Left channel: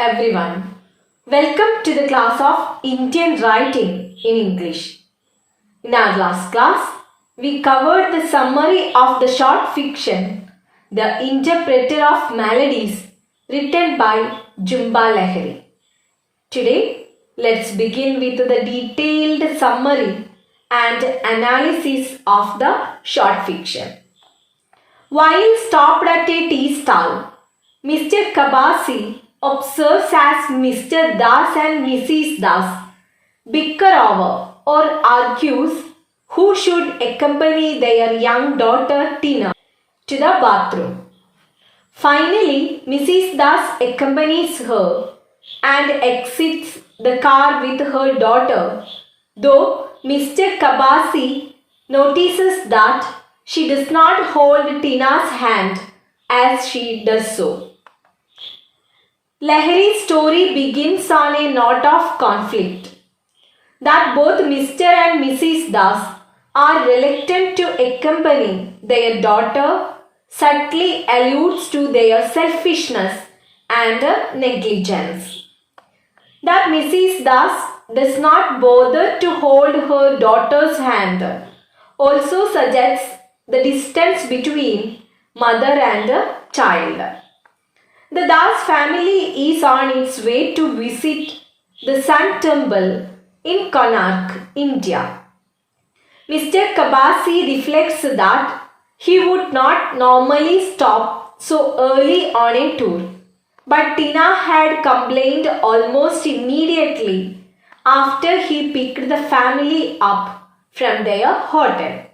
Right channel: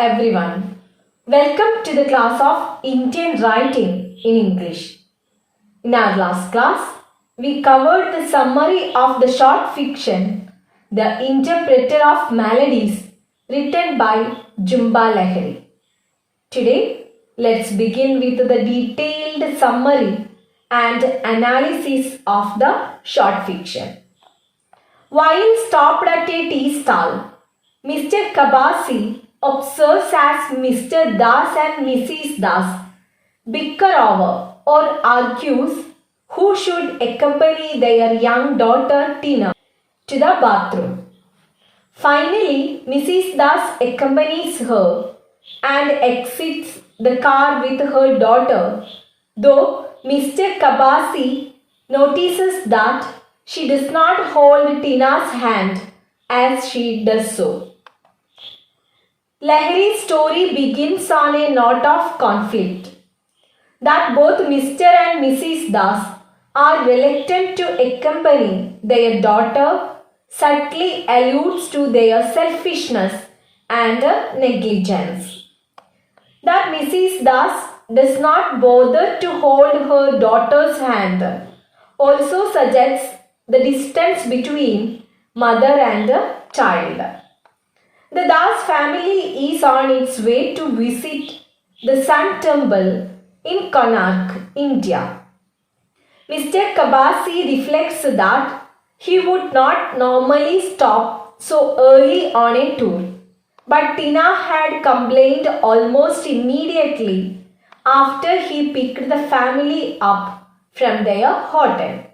everyone. Welcome to the class of Indian Writing in English. In our last class, we covered the summary of the short fiction, The Interpreter of Melodies, written by Jumba Lahiri. Today, let's begin with the detailed summary and analysis of the short fiction. While stopped at a tea stall, Mr. Kabasi observes as Mr. Das and Mrs. Das bicker over or argues who should accompany their young daughter Tina to the bathroom. Finally, Mrs. Das accompanies her and exits the car with her daughter, though Mr. Kabasi notices that she does not hold Tina's hand as she does so. Lahiri's story begins on a note of conflict, that both Mr. and Mrs. Das are reluctant to accompany their daughter subtly alludes to their selfishness and negligence. That Mrs. Das does not bother to hold her daughter's hand also suggests the distance between mother and child. The Das family is on its way to visit the Sun Temple in Konark, India. Mr. Kabasi reflects that he would not normally stop so early on a tour, but Tina had complained almost immediately after he picked the family up from their hotel.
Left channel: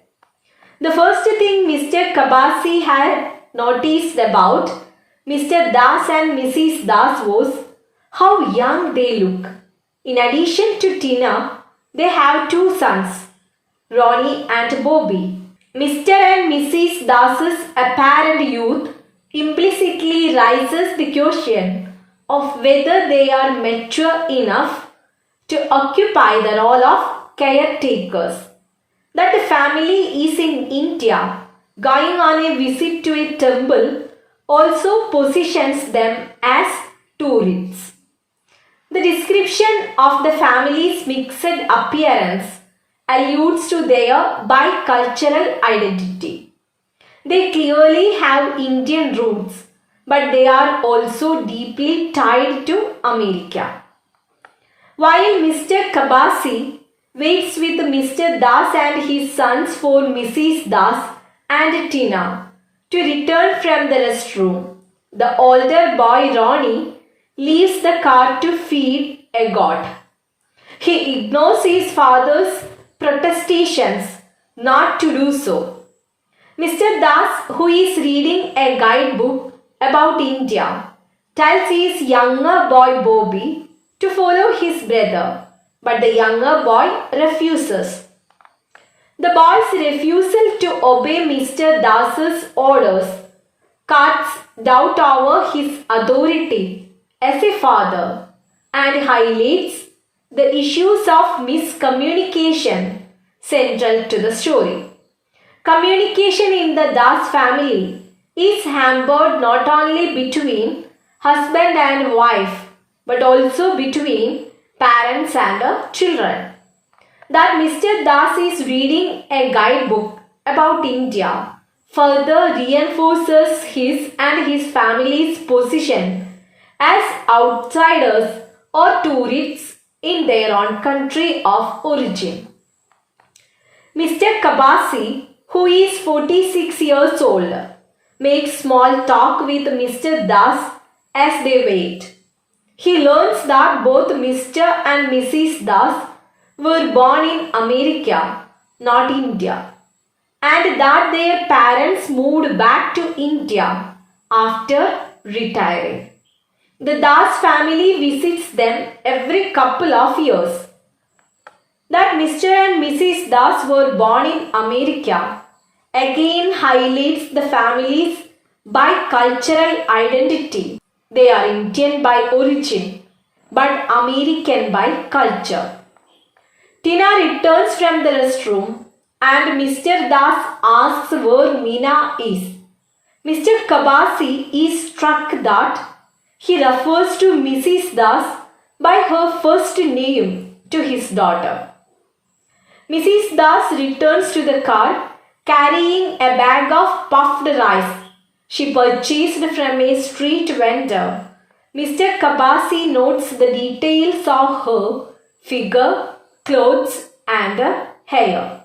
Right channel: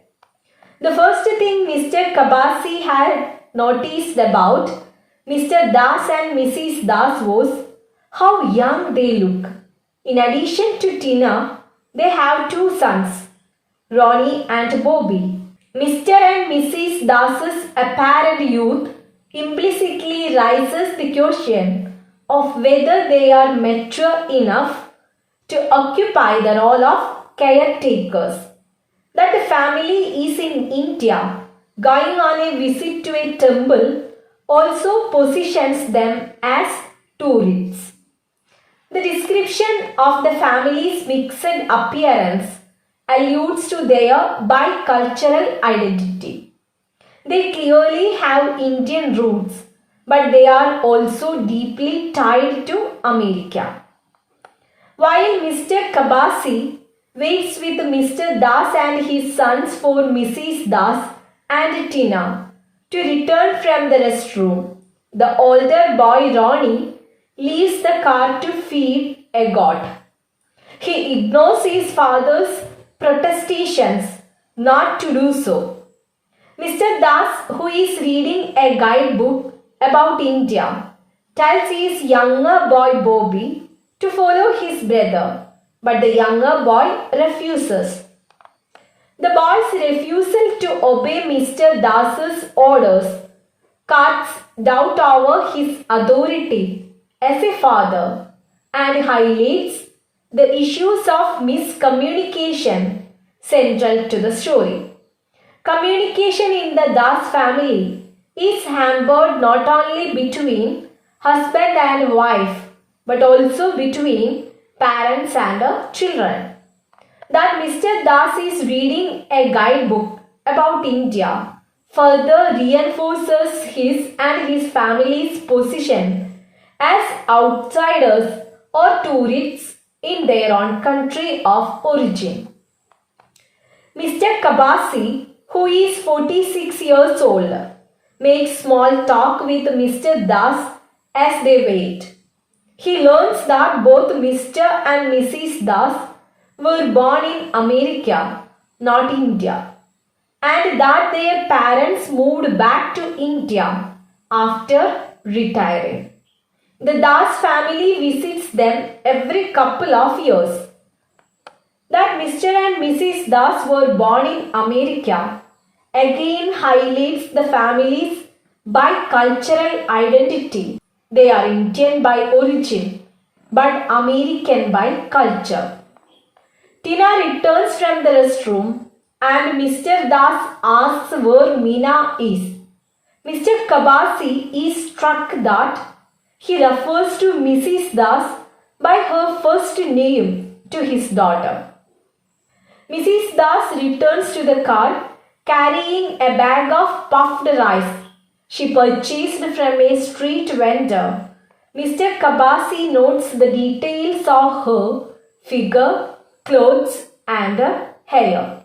The first thing Mr. Kabasi had noticed about Mr. Das and Mrs. Das was how young they look. In addition to Tina, they have two sons, Ronnie and Bobby. Mr. and Mrs. Das's apparent youth implicitly raises the question of whether they are mature enough to occupy the role of caretakers. That the family is in India, going on a visit to a temple, also positions them as tourists. The description of the family's mixed appearance alludes to their bicultural identity. They clearly have Indian roots, but they are also deeply tied to America. While Mr. Kabasi waits with Mr. Das and his sons for Mrs. Das and Tina to return from the restroom, the older boy Ronnie leaves the car to feed a goat. He ignores his father's protestations not to do so. Mr. Das, who is reading a guidebook about India, tells his younger boy Bobby to follow his brother, but the younger boy refuses. The boy's refusal to obey Mr. Das's orders casts doubt over his authority as a father and highlights the issues of miscommunication central to the story. Communication in the Das family is hampered not only between husband and wife but also between parents and children. That Mr. Das is reading a guidebook about India further reinforces his and his family's position as outsiders or tourists in their own country of origin. Mr. Kabasi, who is 46 years old, makes small talk with Mr. Das as they wait. He learns that both Mr. and Mrs. Das were born in America, not India, and that their parents moved back to India after retiring. The Das family visits them every couple of years. That Mr. and Mrs. Das were born in America again highlights the family's bicultural identity. They are Indian by origin but American by culture. Tina returns from the restroom and Mr. Das asks where Meena is. Mr. Kabasi is struck that he refers to Mrs. Das by her first name to his daughter. Mrs. Das returns to the car carrying a bag of puffed rice she purchased from a street vendor. Mr. Kabasi notes the details of her figure, clothes, and hair.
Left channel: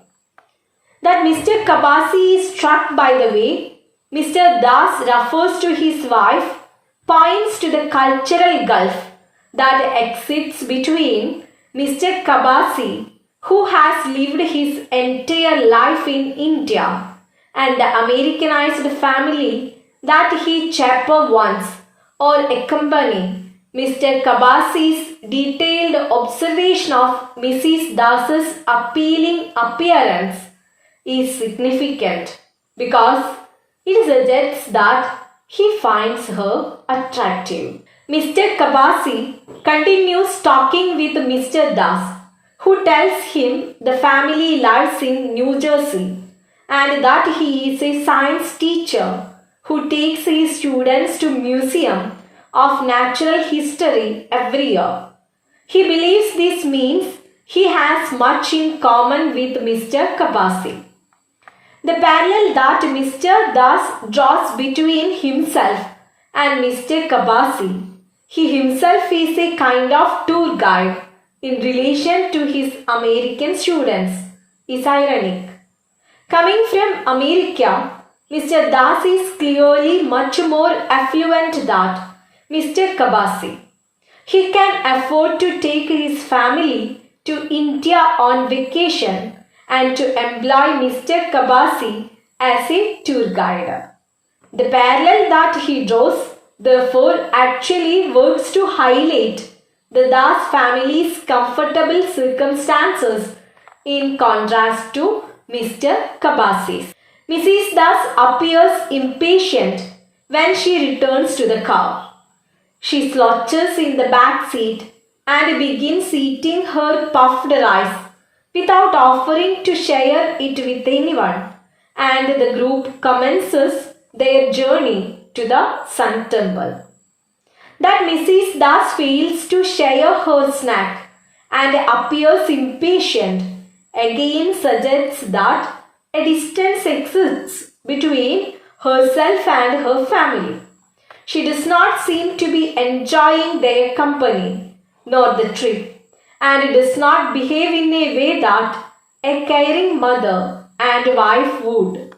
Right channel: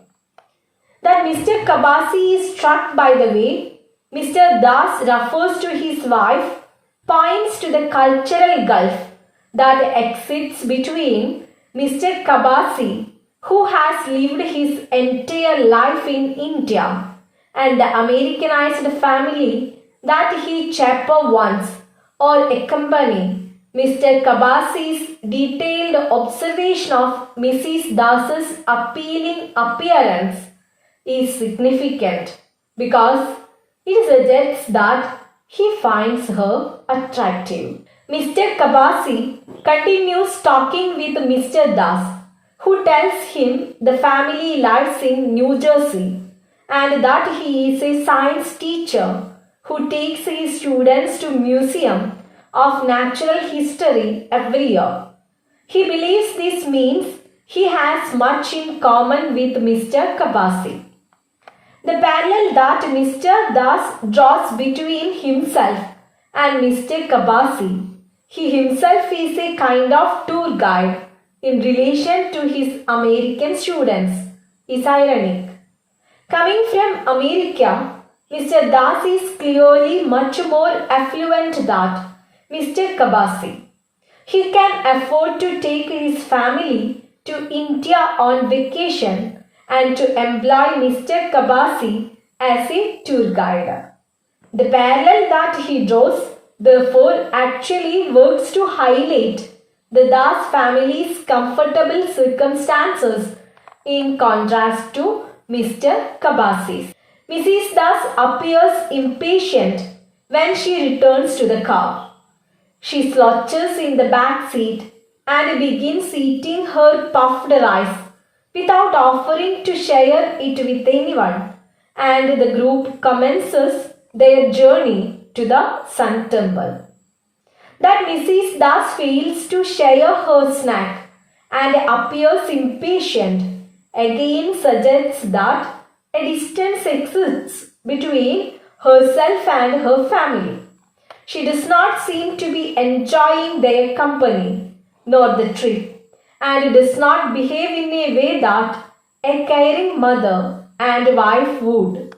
That Mr. Kabasi is struck by the way Mr. Das refers to his wife points to the cultural gulf that exists between Mr. Kabasi, who has lived his entire life in India, and the Americanized family that he chaperoned once or accompanied. Mr. Kabasi's detailed observation of Mrs. Das's appealing appearance is significant because it suggests that he finds her attractive. Mr. Kabasi continues talking with Mr. Das, who tells him the family lives in New Jersey and that he is a science teacher who takes his students to Museum of Natural History every year. He believes this means he has much in common with Mr. Kabasi. The parallel that Mr. Das draws between himself and Mr. Kabasi, he himself is a kind of tour guide in relation to his American students, is ironic. Coming from America, Mr. Das is clearly much more affluent than Mr. Kabasi. He can afford to take his family to India on vacation and to employ Mr. Kabasi as a tour guide. The parallel that he draws, therefore, actually works to highlight the Das family's comfortable circumstances in contrast to Mr. Kabasi's. Mrs. Das appears impatient when she returns to the car. She slouches in the back seat and begins eating her puffed rice without offering to share it with anyone, and the group commences their journey to the Sun Temple. That Mrs. Das fails to share her snack and appears impatient again suggests that a distance exists between herself and her family. She does not seem to be enjoying their company nor the trip, and does not behave in a way that a caring mother and wife would.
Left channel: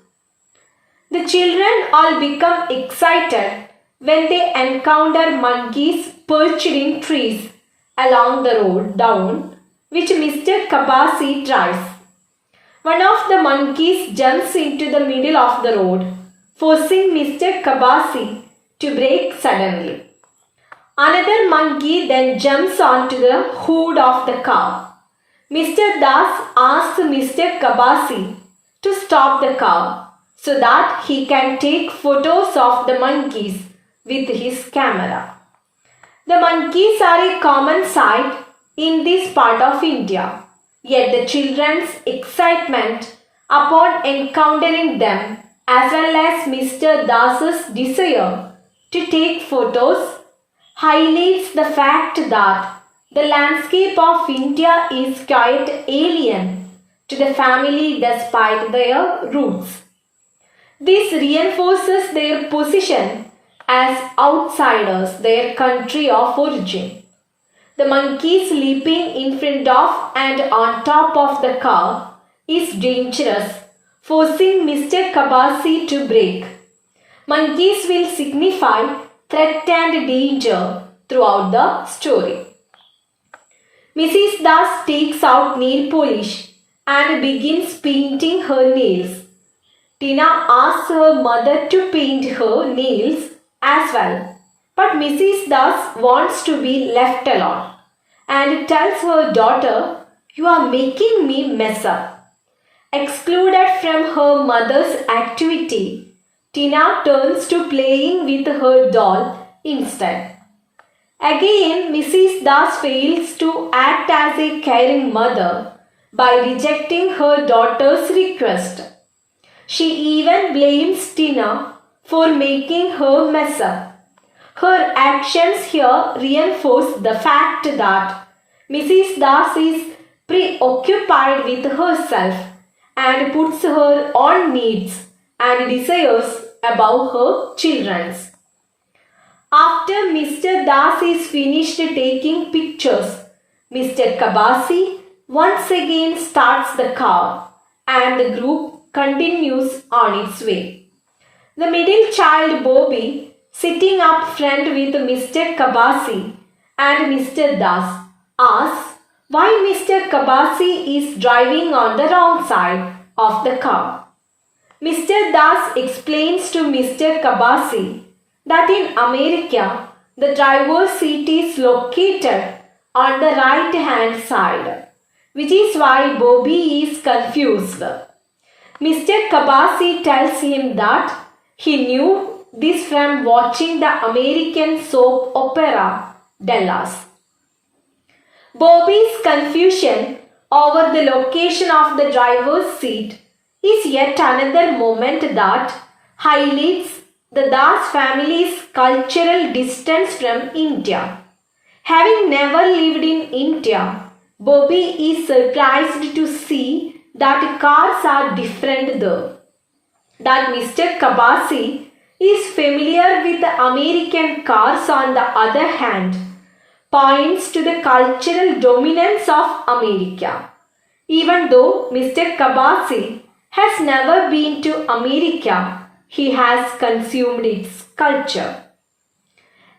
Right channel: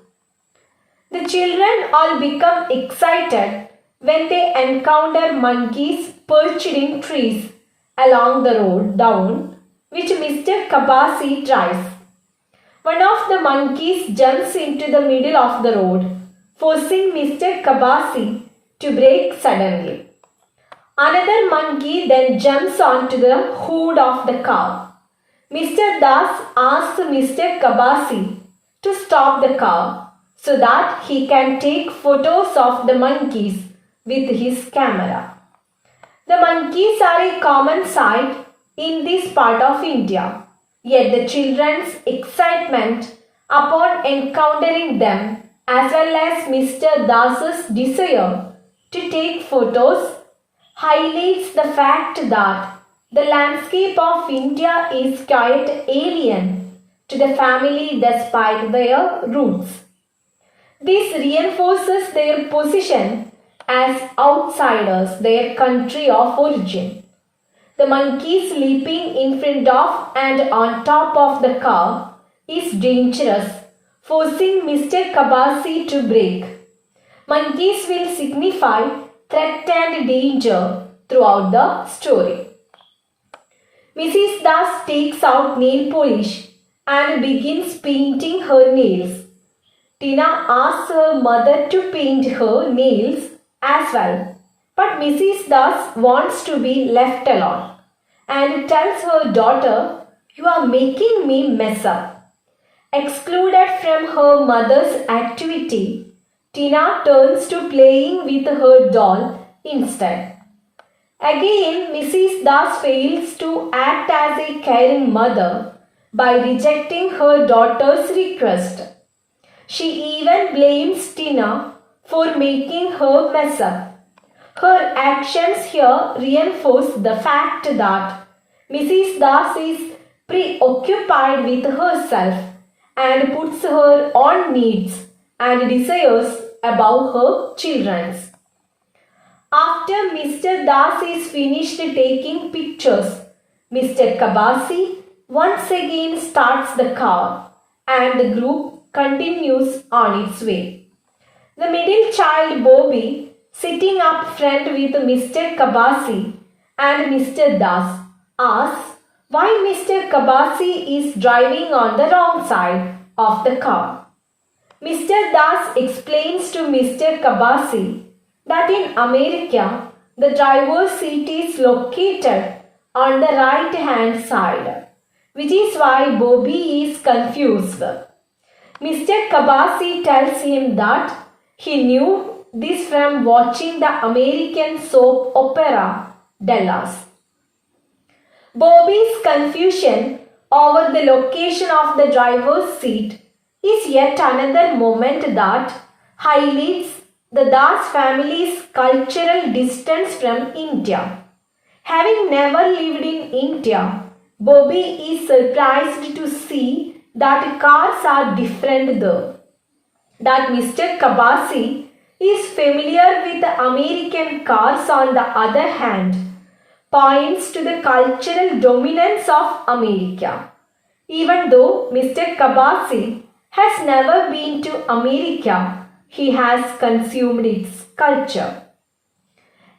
The children all become excited when they encounter monkeys perched in trees along the road down which Mr. Kabasi drives. One of the monkeys jumps into the middle of the road, forcing Mr. Kabasi to brake suddenly. Another monkey then jumps onto the hood of the car. Mr. Das asks Mr. Kabasi to stop the car so that he can take photos of the monkeys with his camera. The monkeys are a common sight in this part of India, yet the children's excitement upon encountering them as well as Mr. Das's desire to take photos highlights the fact that the landscape of India is quite alien to the family despite their roots. This reinforces their position as outsiders, their country of origin. The monkeys leaping in front of and on top of the car is dangerous, forcing Mr. Kabasi to brake. Monkeys will signify threat and danger throughout the story. Mrs. Das takes out nail polish and begins painting her nails. Tina asks her mother to paint her nails as well, but Mrs. Das wants to be left alone and tells her daughter, "You are making me mess up." Excluded from her mother's activity, Tina turns to playing with her doll instead. Again, Mrs. Das fails to act as a caring mother by rejecting her daughter's request. She even blames Tina for making her mess up. Her actions here reinforce the fact that Mrs. Das is preoccupied with herself and puts her own needs and desires above her children's. After Mr. Das is finished taking pictures, Mr. Kabasi once again starts the car and the group continues on its way. The middle child Bobby, sitting up front with Mr. Kabasi and Mr. Das, asks why Mr. Kabasi is driving on the wrong side of the car. Mr. Das explains to Mr. Kabasi that in America, the driver's seat is located on the right hand side, which is why Bobby is confused. Mr. Kabasi tells him that he knew this from watching the American soap opera Dallas. Bobby's confusion over the location of the driver's seat is yet another moment that highlights the Das family's cultural distance from India. Having never lived in India, Bobby is surprised to see that cars are different there. That Mr. Kabasi is familiar with the American cars on the other hand points to the cultural dominance of America. Even though Mr. Kabasi has never been to America, he has consumed its culture.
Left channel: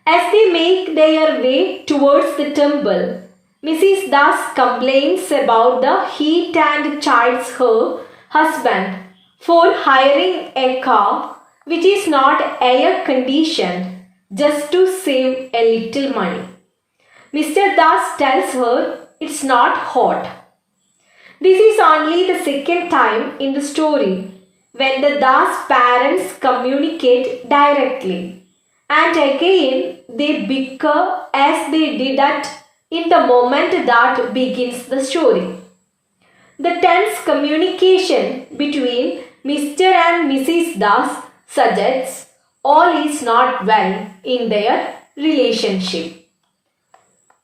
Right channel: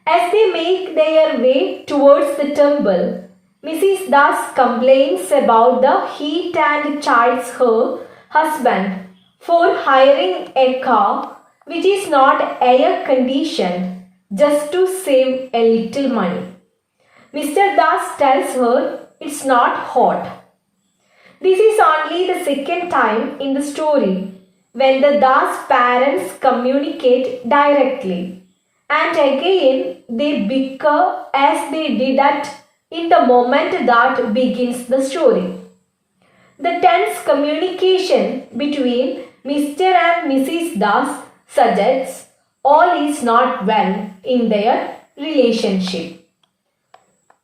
As they make their way towards the temple, Mrs. Das complains about the heat and chides her husband for hiring a car which is not air conditioned just to save a little money. Mr. Das tells her it's not hot. This is only the second time in the story when the Das parents communicate directly, and again they bicker as they did in the moment that begins the story. The tense communication between Mr. and Mrs. Das suggests all is not well in their relationship.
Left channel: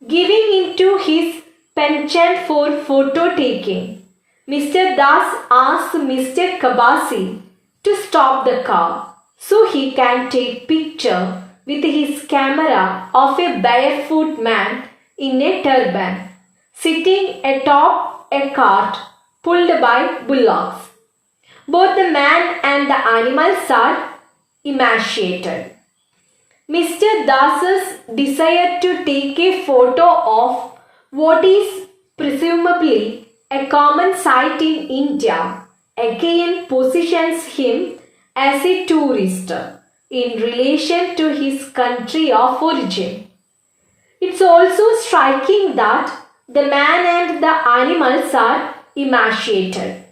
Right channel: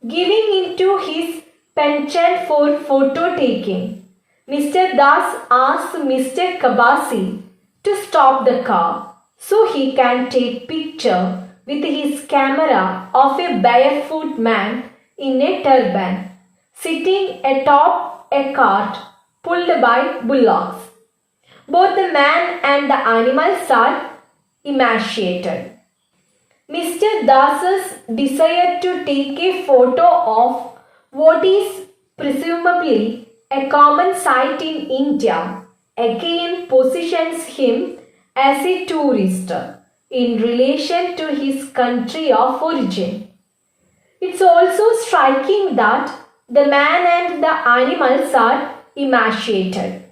Giving into his penchant for photo taking, Mr. Das asks Mr. Kabasi to stop the car so he can take picture with his camera of a barefoot man in a turban sitting atop a cart pulled by bullocks. Both the man and the animals are emaciated. Mr. Das's desire to take a photo of what is presumably a common sight in India again positions him as a tourist in relation to his country of origin. It's also striking that the man and the animals are emaciated.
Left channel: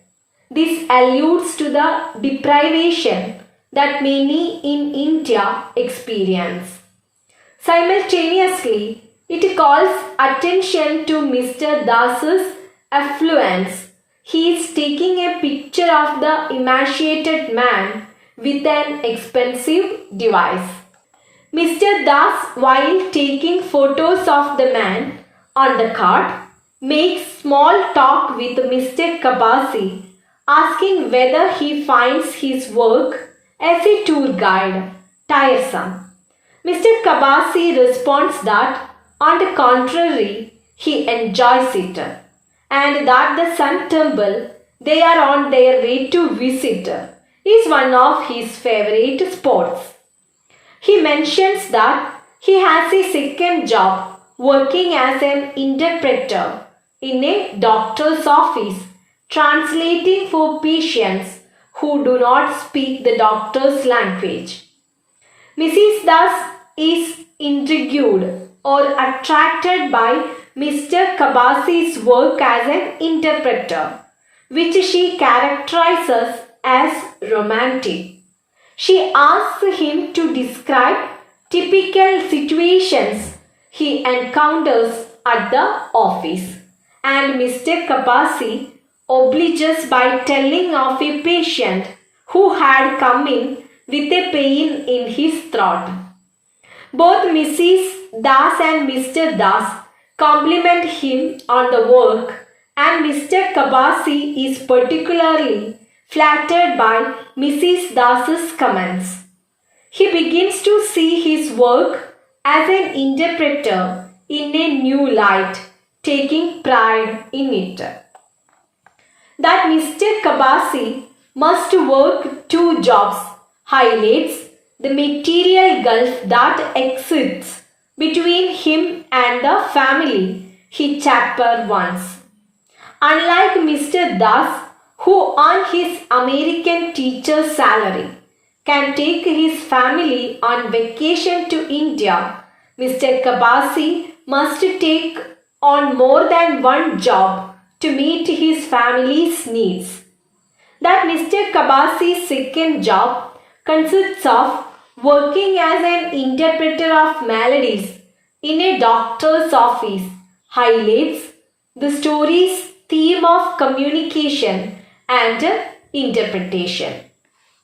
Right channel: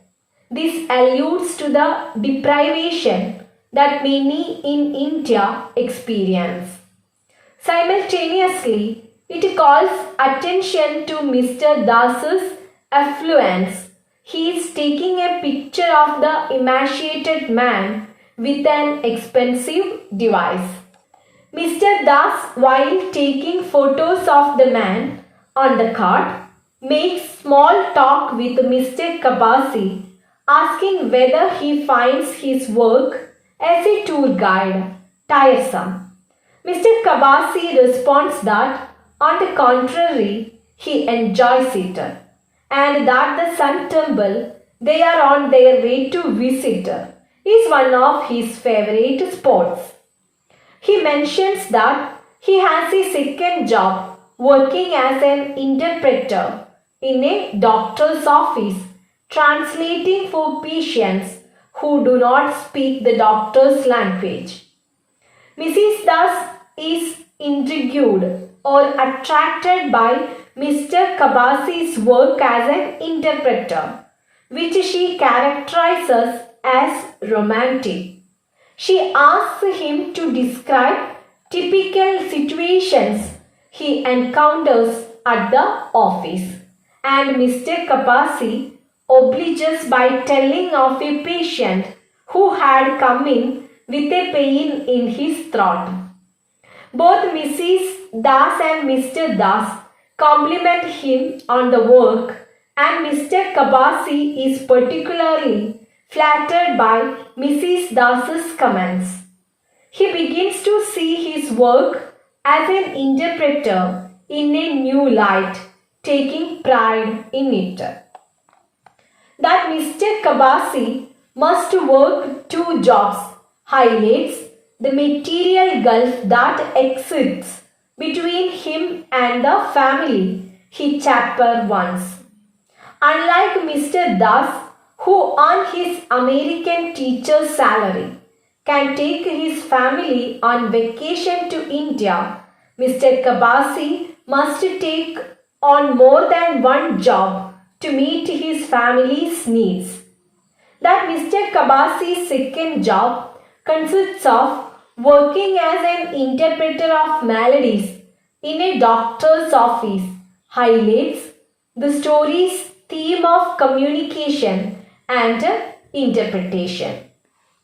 This alludes to the deprivation that many in India experience. Simultaneously, it calls attention to Mr. Das's affluence. He is taking a picture of the emaciated man with an expensive device. Mr. Das, while taking photos of the man on the cart, makes small talk with Mr. Kabasi, asking whether he finds his work as a tour guide tiresome. Mr. Kabasi responds that, on the contrary, he enjoys it, and that the Sun Temple they are on their way to visit is one of his favorite spots. He mentions that he has a second job working as an interpreter in a doctor's office, translating for patients who do not speak the doctor's language. Mrs. Das is intrigued or attracted by Mr. Kabasi's work as an interpreter, which she characterizes as romantic. She asks him to describe typical situations he encounters at the office, and Mr. Kabasi obliges by telling of a patient who had come in with a pain in his throat. Both Mrs. Das and Mr. Das compliment him on the work, and Mr. Kabasi is particularly flattered by Mrs. Das's comments. He begins to see his work as an interpreter in a new light, taking pride in it. That Mr. Kabasi must work two jobs highlights the material gulf that exists between him and the family he chaperoned once. Unlike Mr. Das, who on his American teacher's salary can take his family on vacation to India, Mr. Kabasi must take on more than one job to meet his family's needs. That Mr. Kabasi's second job consists of working as an interpreter of melodies in a doctor's office, highlights the story's theme of communication and interpretation.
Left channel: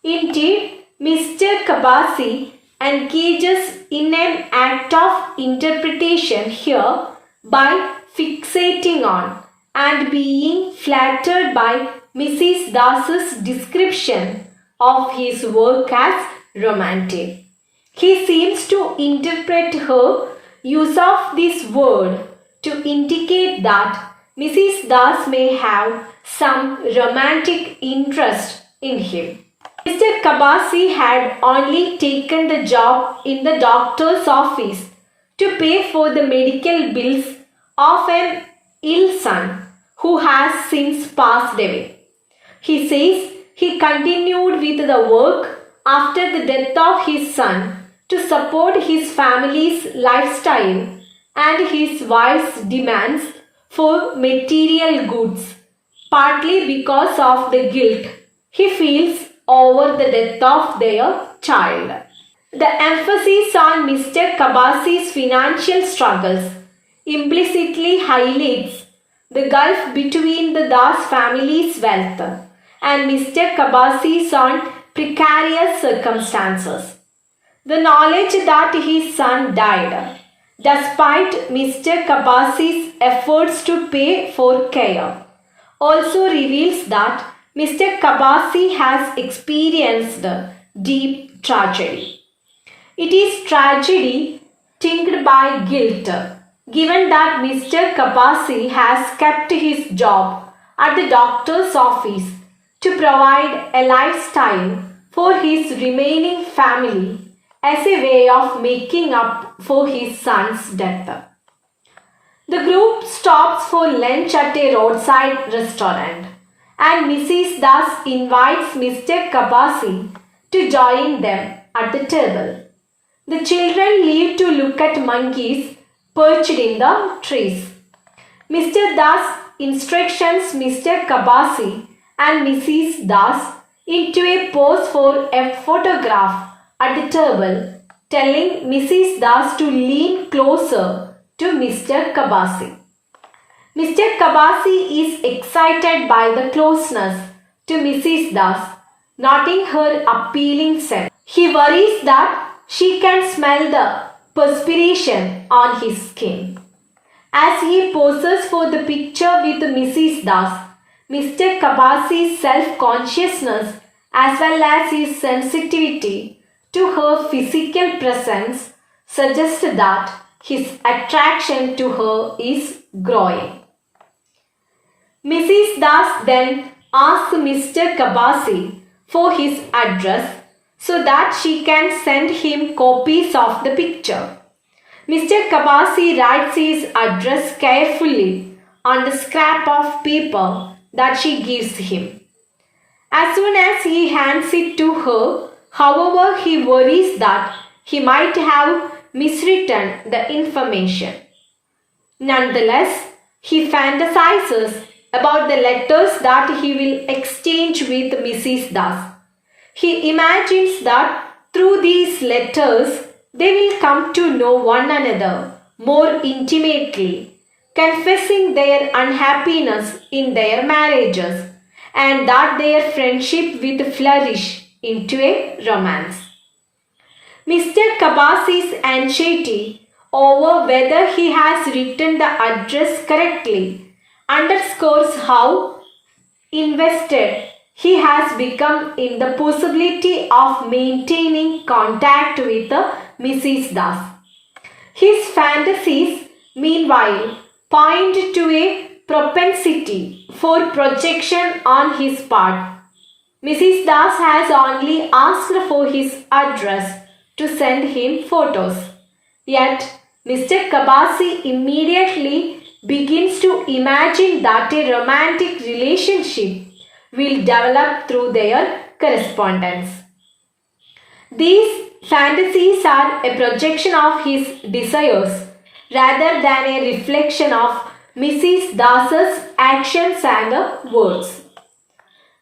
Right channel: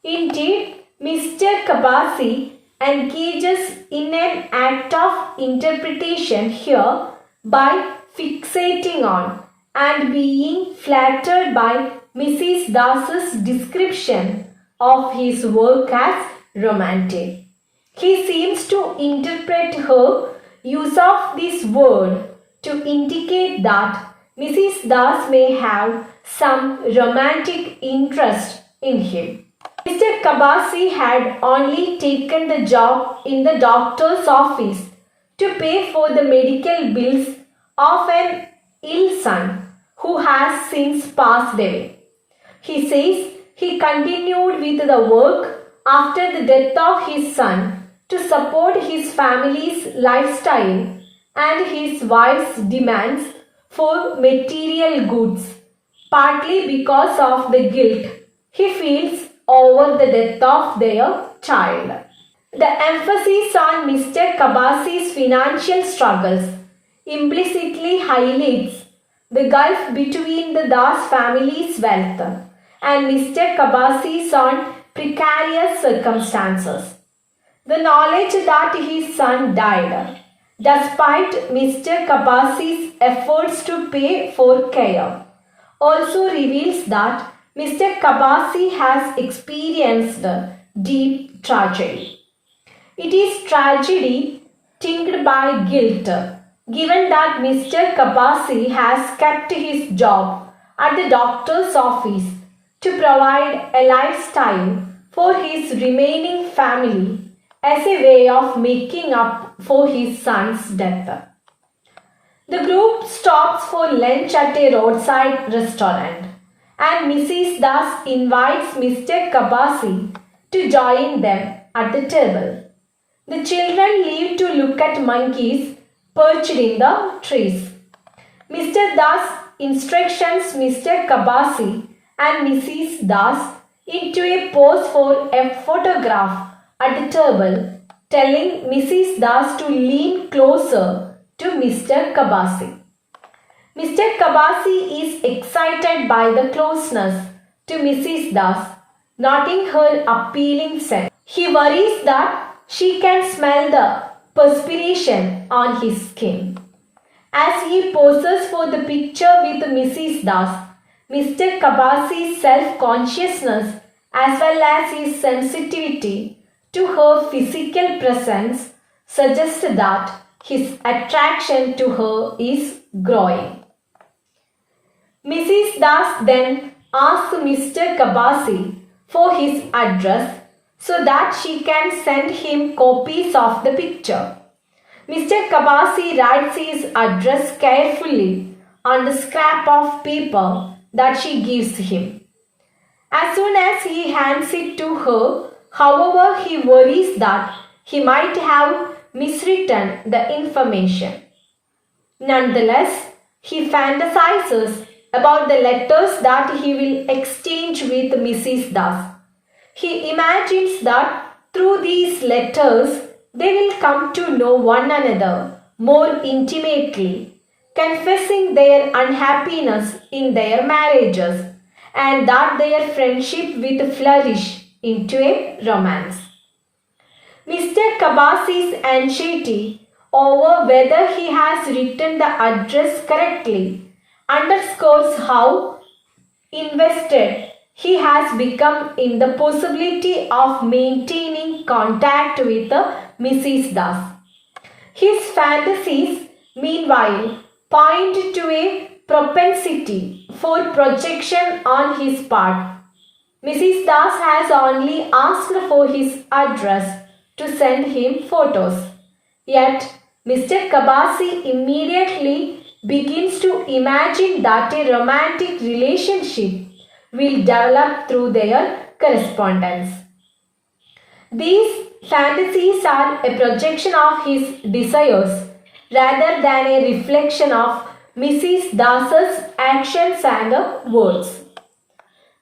Indeed, Mr. Kabasi engages in an act of interpretation here by fixating on and being flattered by Mrs. Das's description of his work as romantic. He seems to interpret her use of this word to indicate that Mrs. Das may have some romantic interest in him. Mr. Kabasi had only taken the job in the doctor's office to pay for the medical bills of an ill son who has since passed away. He says he continued with the work after the death of his son to support his family's lifestyle and his wife's demands for material goods, partly because of the guilt he feels over the death of their child. The emphasis on Mr. Kabasi's financial struggles implicitly highlights the gulf between the Das family's wealth and Mr. Kabasi's own precarious circumstances. The knowledge that his son died, despite Mr. Kabasi's efforts to pay for care, also reveals that Mr. Kabasi has experienced deep tragedy. It is tragedy tinged by guilt, given that Mr. Kabasi has kept his job at the doctor's office to provide a lifestyle for his remaining family as a way of making up for his son's death. The group stops for lunch at a roadside restaurant, and Mrs. Das invites Mr. Kabasi to join them at the table. The children leave to look at monkeys perched in the trees. Mr. Das instructions Mr. Kabasi and Mrs. Das into a pose for a photograph at the table, telling Mrs. Das to lean closer to Mr. Kabasi. Mr. Kabasi is excited by the closeness to Mrs. Das, noting her appealing scent. He worries that she can smell the perspiration on his skin. As he poses for the picture with Mrs. Das, Mr. Kabasi's self-consciousness as well as his sensitivity to her physical presence suggests that his attraction to her is growing. Mrs. Das then asks Mr. Kabasi for his address so that she can send him copies of the picture. Mr. Kabasi writes his address carefully on the scrap of paper that she gives him. As soon as he hands it to her, however, he worries that he might have miswritten the information. Nonetheless, he fantasizes about the letters that he will exchange with Mrs. Das. He imagines that through these letters, they will come to know one another more intimately, confessing their unhappiness in their marriages, and that their friendship will flourish into a romance. Mr. Kabasi's anxiety over whether he has written the address correctly underscores how invested he has become in the possibility of maintaining contact with Mrs. Das. His fantasies, meanwhile, point to a propensity for projection on his part. Mrs. Das has only asked for his address to send him photos. Yet, Mr. Kabasi immediately begins to imagine that a romantic relationship will develop through their correspondence. These fantasies are a projection of his desires rather than a reflection of Mrs. Das's actions and words.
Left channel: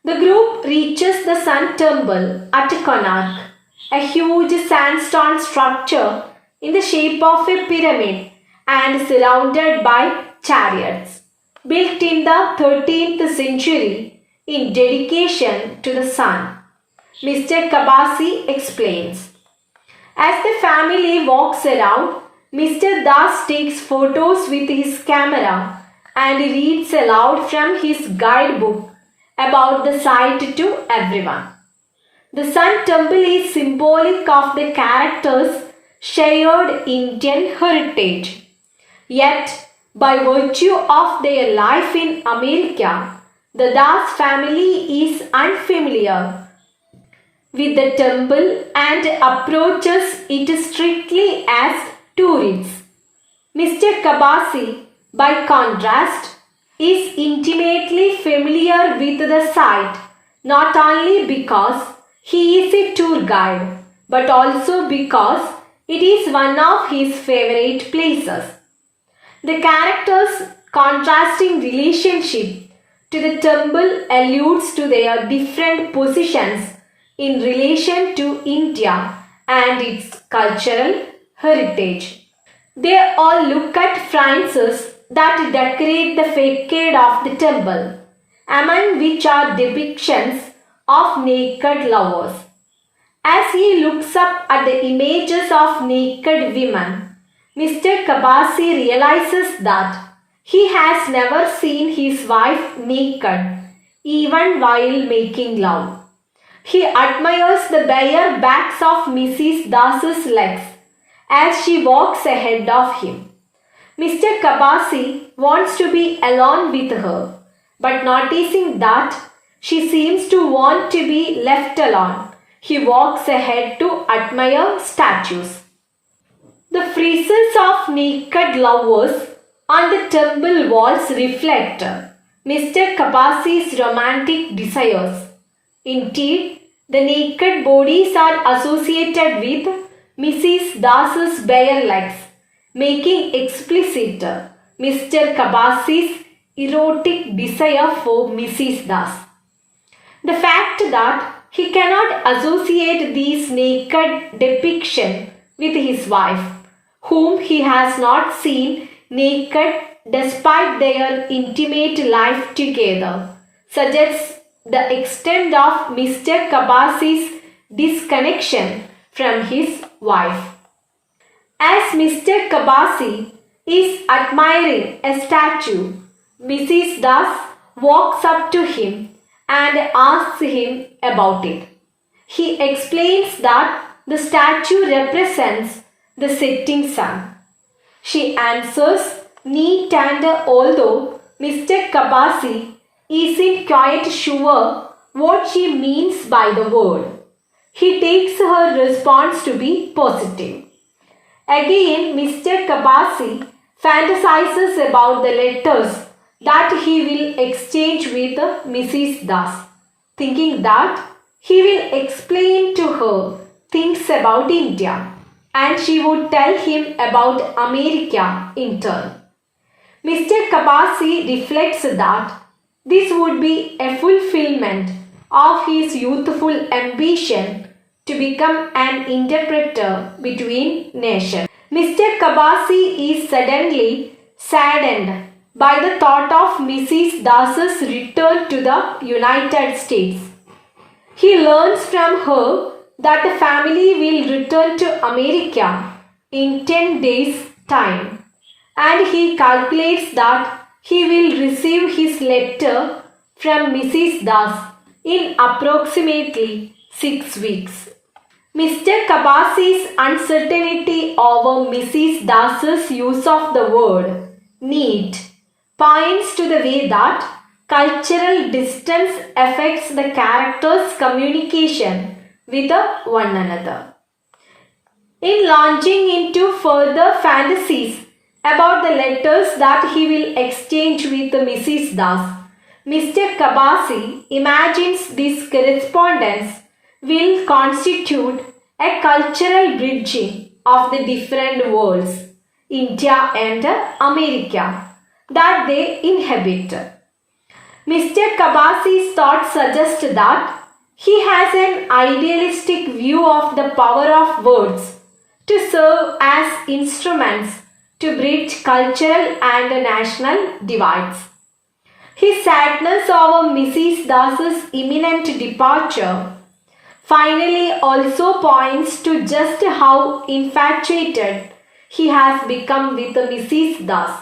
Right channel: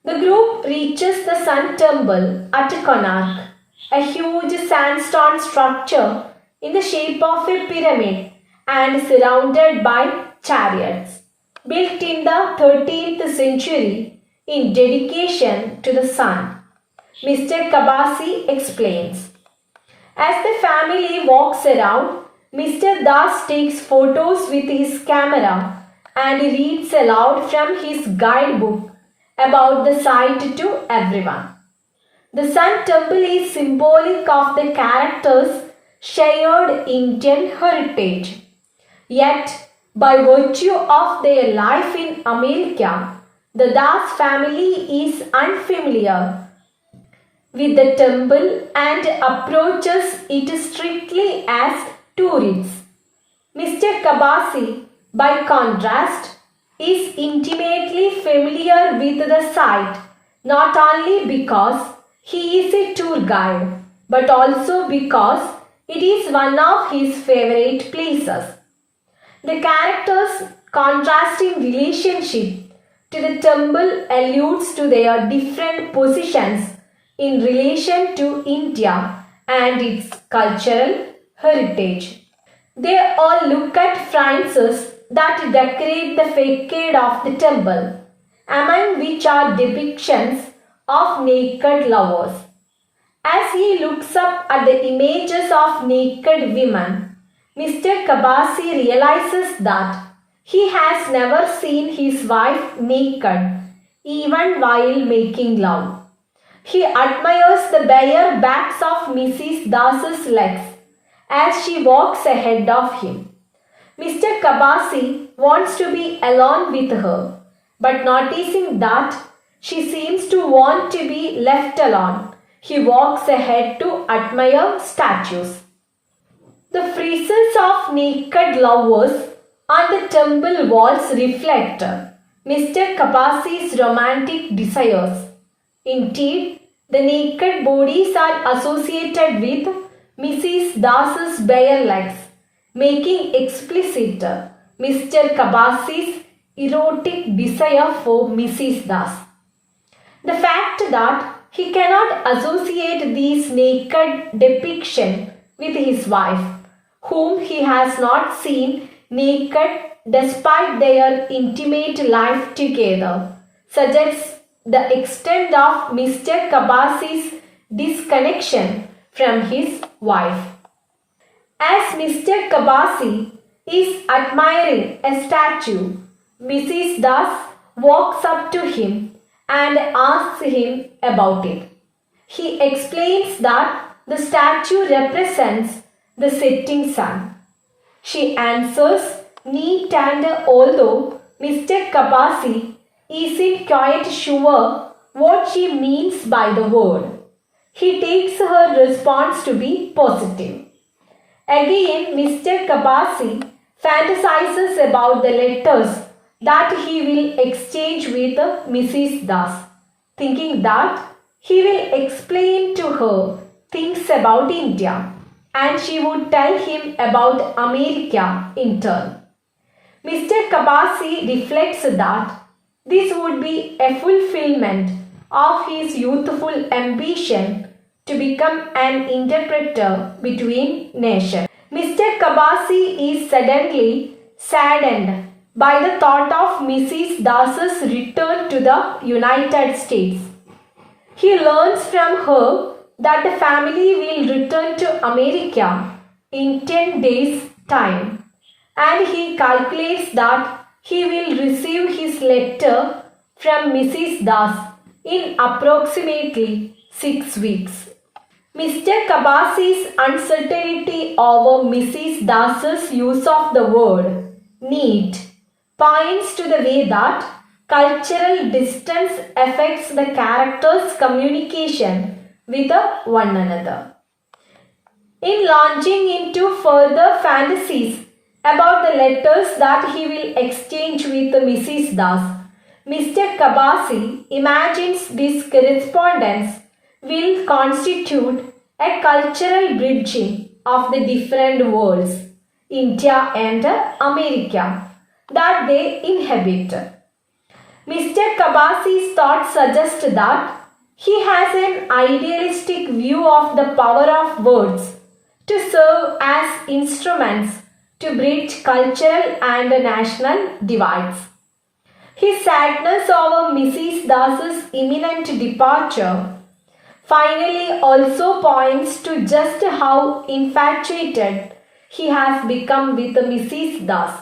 The group reaches the Sun Temple at Konark, a huge sandstone structure in the shape of a pyramid and surrounded by chariots, built in the 13th century in dedication to the sun. Mr. Kabasi explains. As the family walks around, Mr. Das takes photos with his camera and reads aloud from his guidebook about the site to everyone. The Sun Temple is symbolic of the character's shared Indian heritage. Yet, by virtue of their life in America, the Das family is unfamiliar with the temple and approaches it strictly as tourists. Mr. Kabasi, by contrast, is intimately familiar with the site not only because he is a tour guide but also because it is one of his favorite places. The characters' contrasting relationship to the temple alludes to their different positions in relation to India and its cultural heritage. They all look at Francis that decorate the facade of the temple, among which are depictions of naked lovers. As he looks up at the images of naked women, Mr. Kabasi realizes that he has never seen his wife naked, even while making love. He admires the bare backs of Mrs. Das's legs as she walks ahead of him. Mr. Kabasi wants to be alone with her, but noticing that she seems to want to be left alone, he walks ahead to admire statues. The friezes of naked lovers on the temple walls reflect Mr. Kabasi's romantic desires. Indeed, the naked bodies are associated with Mrs. Das's bare legs, making explicit Mr. Kabasi's erotic desire for Mrs. Das. The fact that he cannot associate these naked depictions with his wife, whom he has not seen naked despite their intimate life together, suggests the extent of Mr. Kabasi's disconnection from his wife. As Mr. Kabasi is admiring a statue, Mrs. Das walks up to him and asks him about it. He explains that the statue represents the setting sun. She answers neat and although Mr. Kabasi isn't quite sure what she means by the word, he takes her response to be positive. Again, Mr. Kabasi fantasizes about the letters that he will exchange with Mrs. Das, thinking that he will explain to her things about India and she would tell him about America in turn. Mr. Kabasi reflects that this would be a fulfillment of his youthful ambition to become an interpreter between nations. Mr. Kabasi is suddenly saddened by the thought of Mrs. Das's return to the United States. He learns from her that the family will return to America in 10 days' time, and he calculates that he will receive his letter from Mrs. Das in approximately 6 weeks. Mr. Kabasi's uncertainty over Mrs. Das's use of the word need points to the way that cultural distance affects the characters' communication with one another. In launching into further fantasies about the letters that he will exchange with Mrs. Das, Mr. Kabasi imagines this correspondence will constitute a cultural bridging of the different worlds, India and America, that they inhabit. Mr. Kabasi's thoughts suggest that he has an idealistic view of the power of words to serve as instruments to bridge cultural and national divides. His sadness over Mrs. Das's imminent departure finally also points to just how infatuated he has become with Mrs. Das.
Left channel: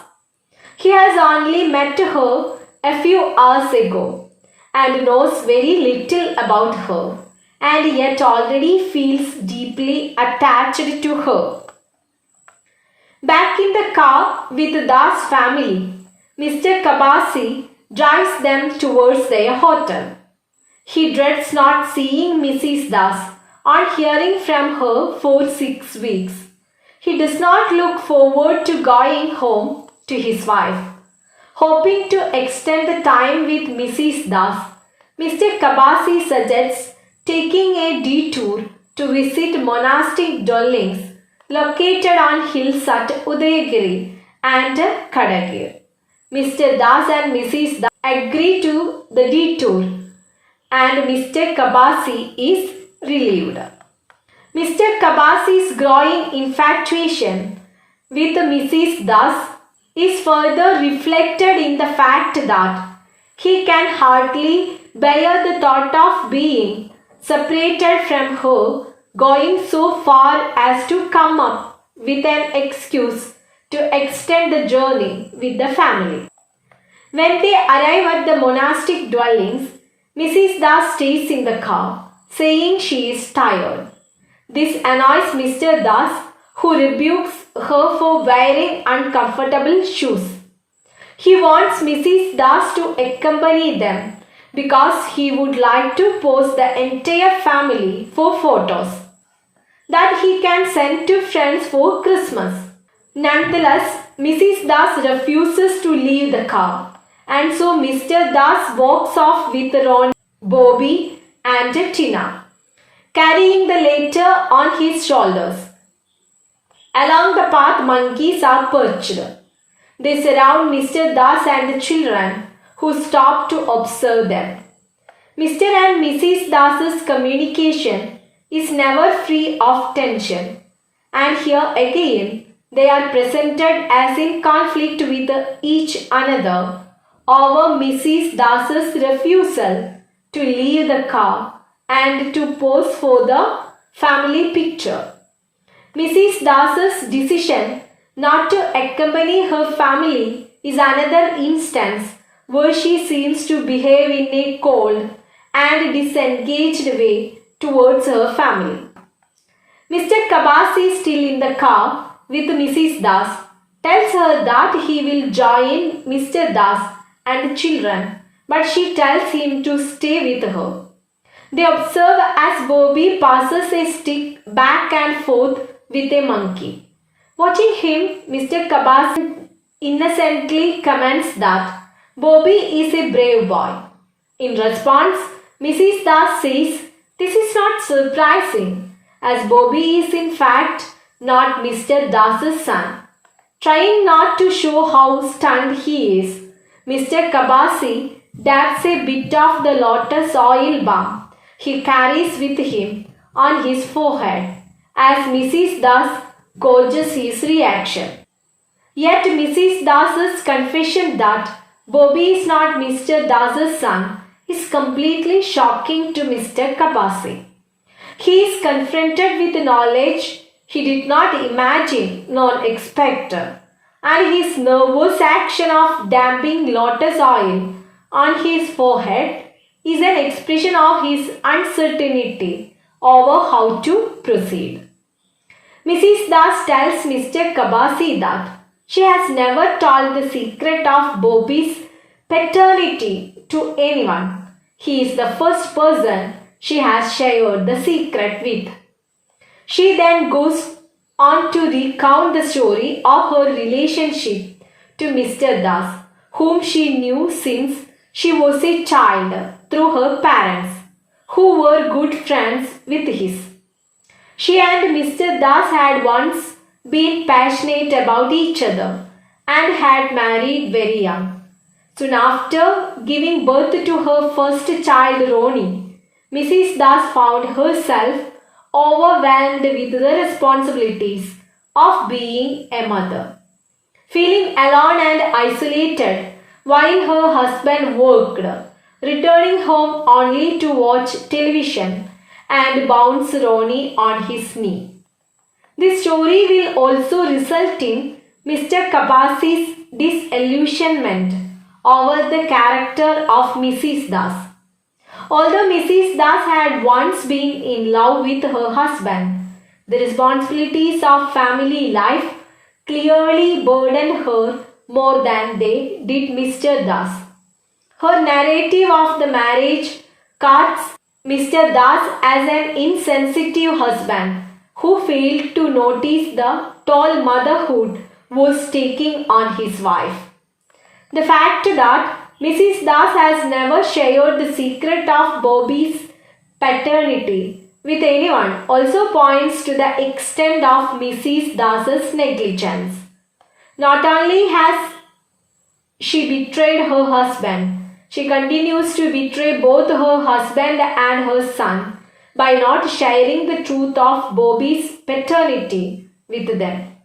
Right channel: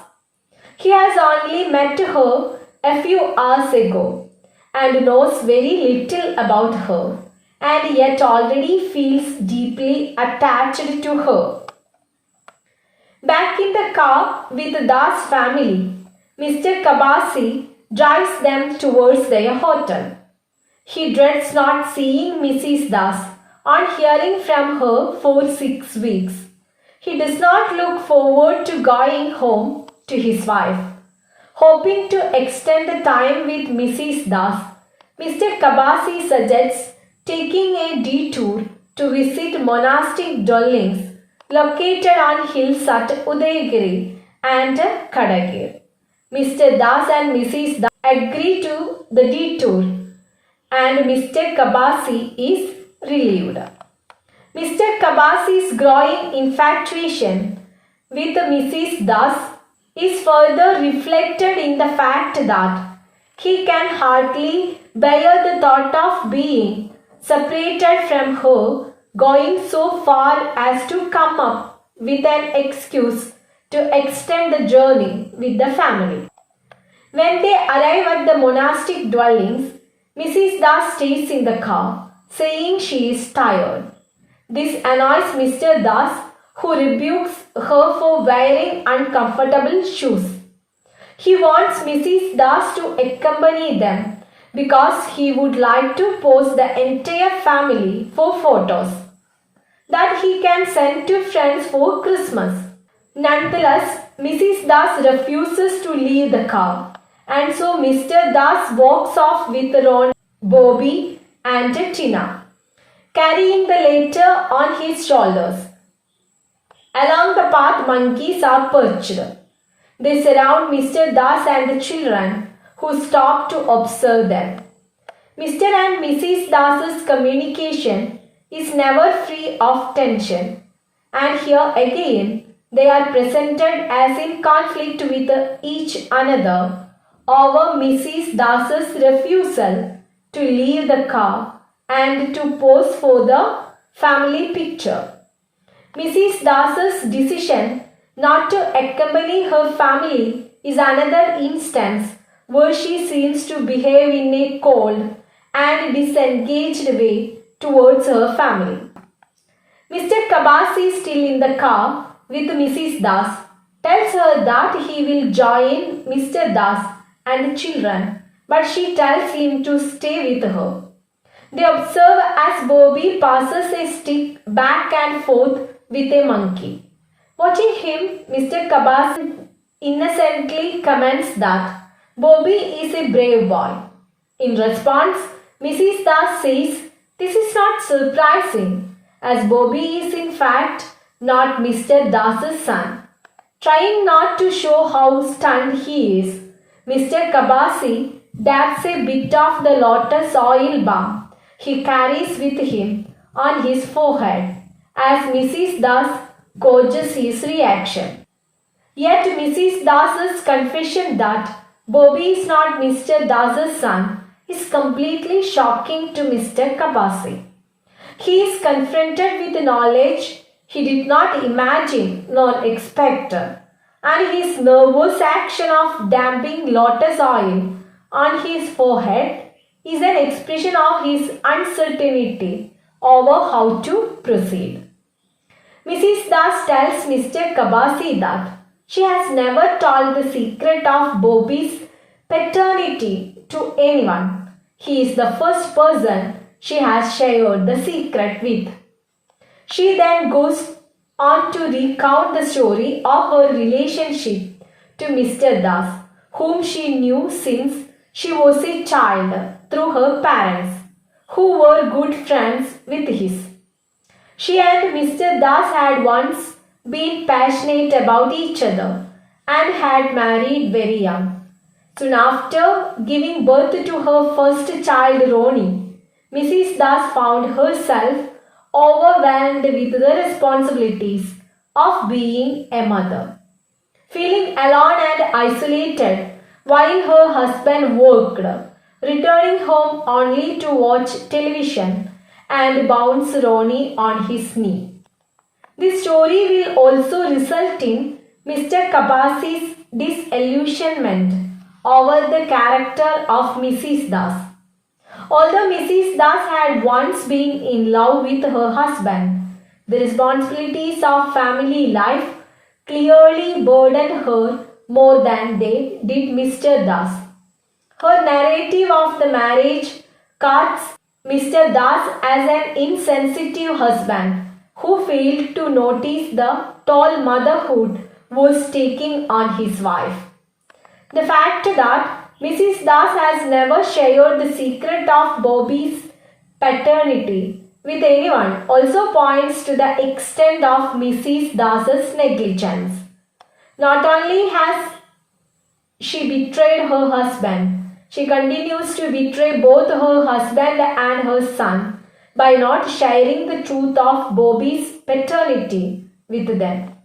He has only met her a few hours ago and knows very little about her, and yet already feels deeply attached to her. Back in the car with the Das family, Mr. Kabasi drives them towards their hotel. He dreads not seeing Mrs. Das or hearing from her for 6 weeks. He does not look forward to going home to his wife. Hoping to extend the time with Mrs. Das, Mr. Kabasi suggests taking a detour to visit monastic dwellings located on hills at Udayagiri and Kadagir. Mr. Das and Mrs. Das agree to the detour, and Mr. Kabasi is relieved. Mr. Kabasi's growing infatuation with Mrs. Das is further reflected in the fact that he can hardly bear the thought of being separated from her, going so far as to come up with an excuse to extend the journey with the family. When they arrive at the monastic dwellings, Mrs. Das stays in the car, saying she is tired. This annoys Mr. Das, who rebukes her for wearing uncomfortable shoes. He wants Mrs. Das to accompany them because he would like to pose the entire family for photos that he can send to friends for Christmas. Nonetheless, Mrs. Das refuses to leave the car, and so Mr. Das walks off with Ron, Bobby, and Tina, carrying the latter on his shoulders. Along the path, monkeys are perched. They surround Mr. Das and the children, who stop to observe them. Mr. and Mrs. Das's communication is never free of tension, and here again they are presented as in conflict with each another over Mrs. Das's refusal to leave the car and to pose for the family picture. Mrs. Das's decision not to accompany her family is another instance where she seems to behave in a cold and disengaged way towards her family. Mr. Kabasi, still in the car with Mrs. Das, tells her that he will join Mr. Das and the children, but she tells him to stay with her. They observe as Bobby passes a stick back and forth with a monkey. Watching him, Mr. Kabasi innocently comments that Bobby is a brave boy. In response, Mrs. Das says this is not surprising, as Bobby is in fact not Mr. Das's son. Trying not to show how stunned he is, Mr. Kabasi dabs a bit of the lotus oil balm he carries with him on his forehead as Mrs. Das gauges his reaction. Yet Mrs. Das's confession that Bobby is not Mr. Das's son is completely shocking to Mr. Kabasi. He is confronted with knowledge he did not imagine nor expect, and his nervous action of damping lotus oil on his forehead is an expression of his uncertainty over how to proceed. Mrs. Das tells Mr. Kabasi that she has never told the secret of Bobby's paternity to anyone. He is the first person she has shared the secret with. She then goes on to recount the story of her relationship to Mr. Das, whom she knew since she was a child through her parents, who were good friends with his. She and Mr. Das had once been passionate about each other and had married very young. Soon after giving birth to her first child, Roni, Mrs. Das found herself overwhelmed with the responsibilities of being a mother. Feeling alone and isolated while her husband worked, returning home only to watch television and bounce Ronnie on his knee. This story will also result in Mr. Kabasi's disillusionment over the character of Mrs. Das. Although Mrs. Das had once been in love with her husband, the responsibilities of family life clearly burdened her more than they did Mr. Das. Her narrative of the marriage casts Mr. Das as an insensitive husband who failed to notice the toll motherhood was taking on his wife. The fact that Mrs. Das has never shared the secret of Bobby's paternity with anyone also points to the extent of Mrs. Das's negligence. Not only has she betrayed her husband, she continues to betray both her husband and her son by not sharing the truth of Bobby's paternity with them.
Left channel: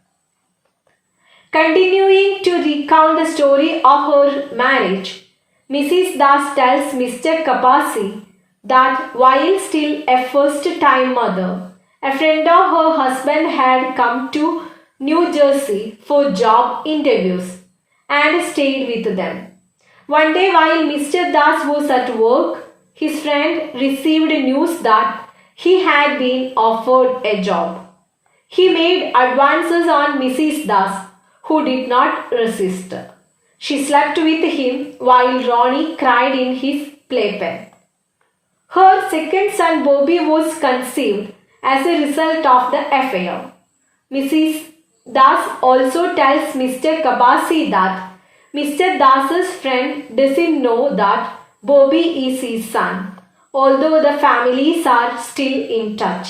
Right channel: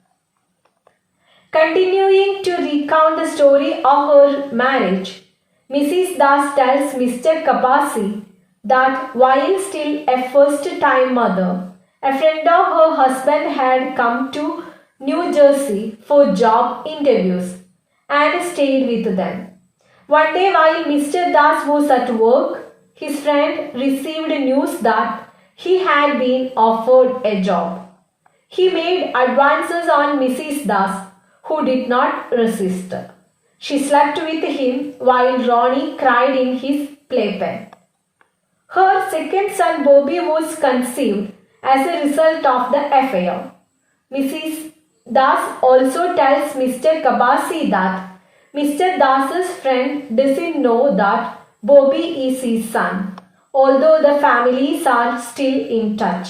Continuing to recount the story of her marriage, Mrs. Das tells Mr. Kabasi that while still a first-time mother, a friend of her husband had come to New Jersey for job interviews and stayed with them. One day while Mr. Das was at work, his friend received news that he had been offered a job. He made advances on Mrs. Das, who did not resist. She slept with him while Ronnie cried in his playpen. Her second son Bobby was conceived as a result of the affair. Mrs. Das also tells Mr. Kabasi that Mr. Das's friend doesn't know that Bobby is his son, although the families are still in touch.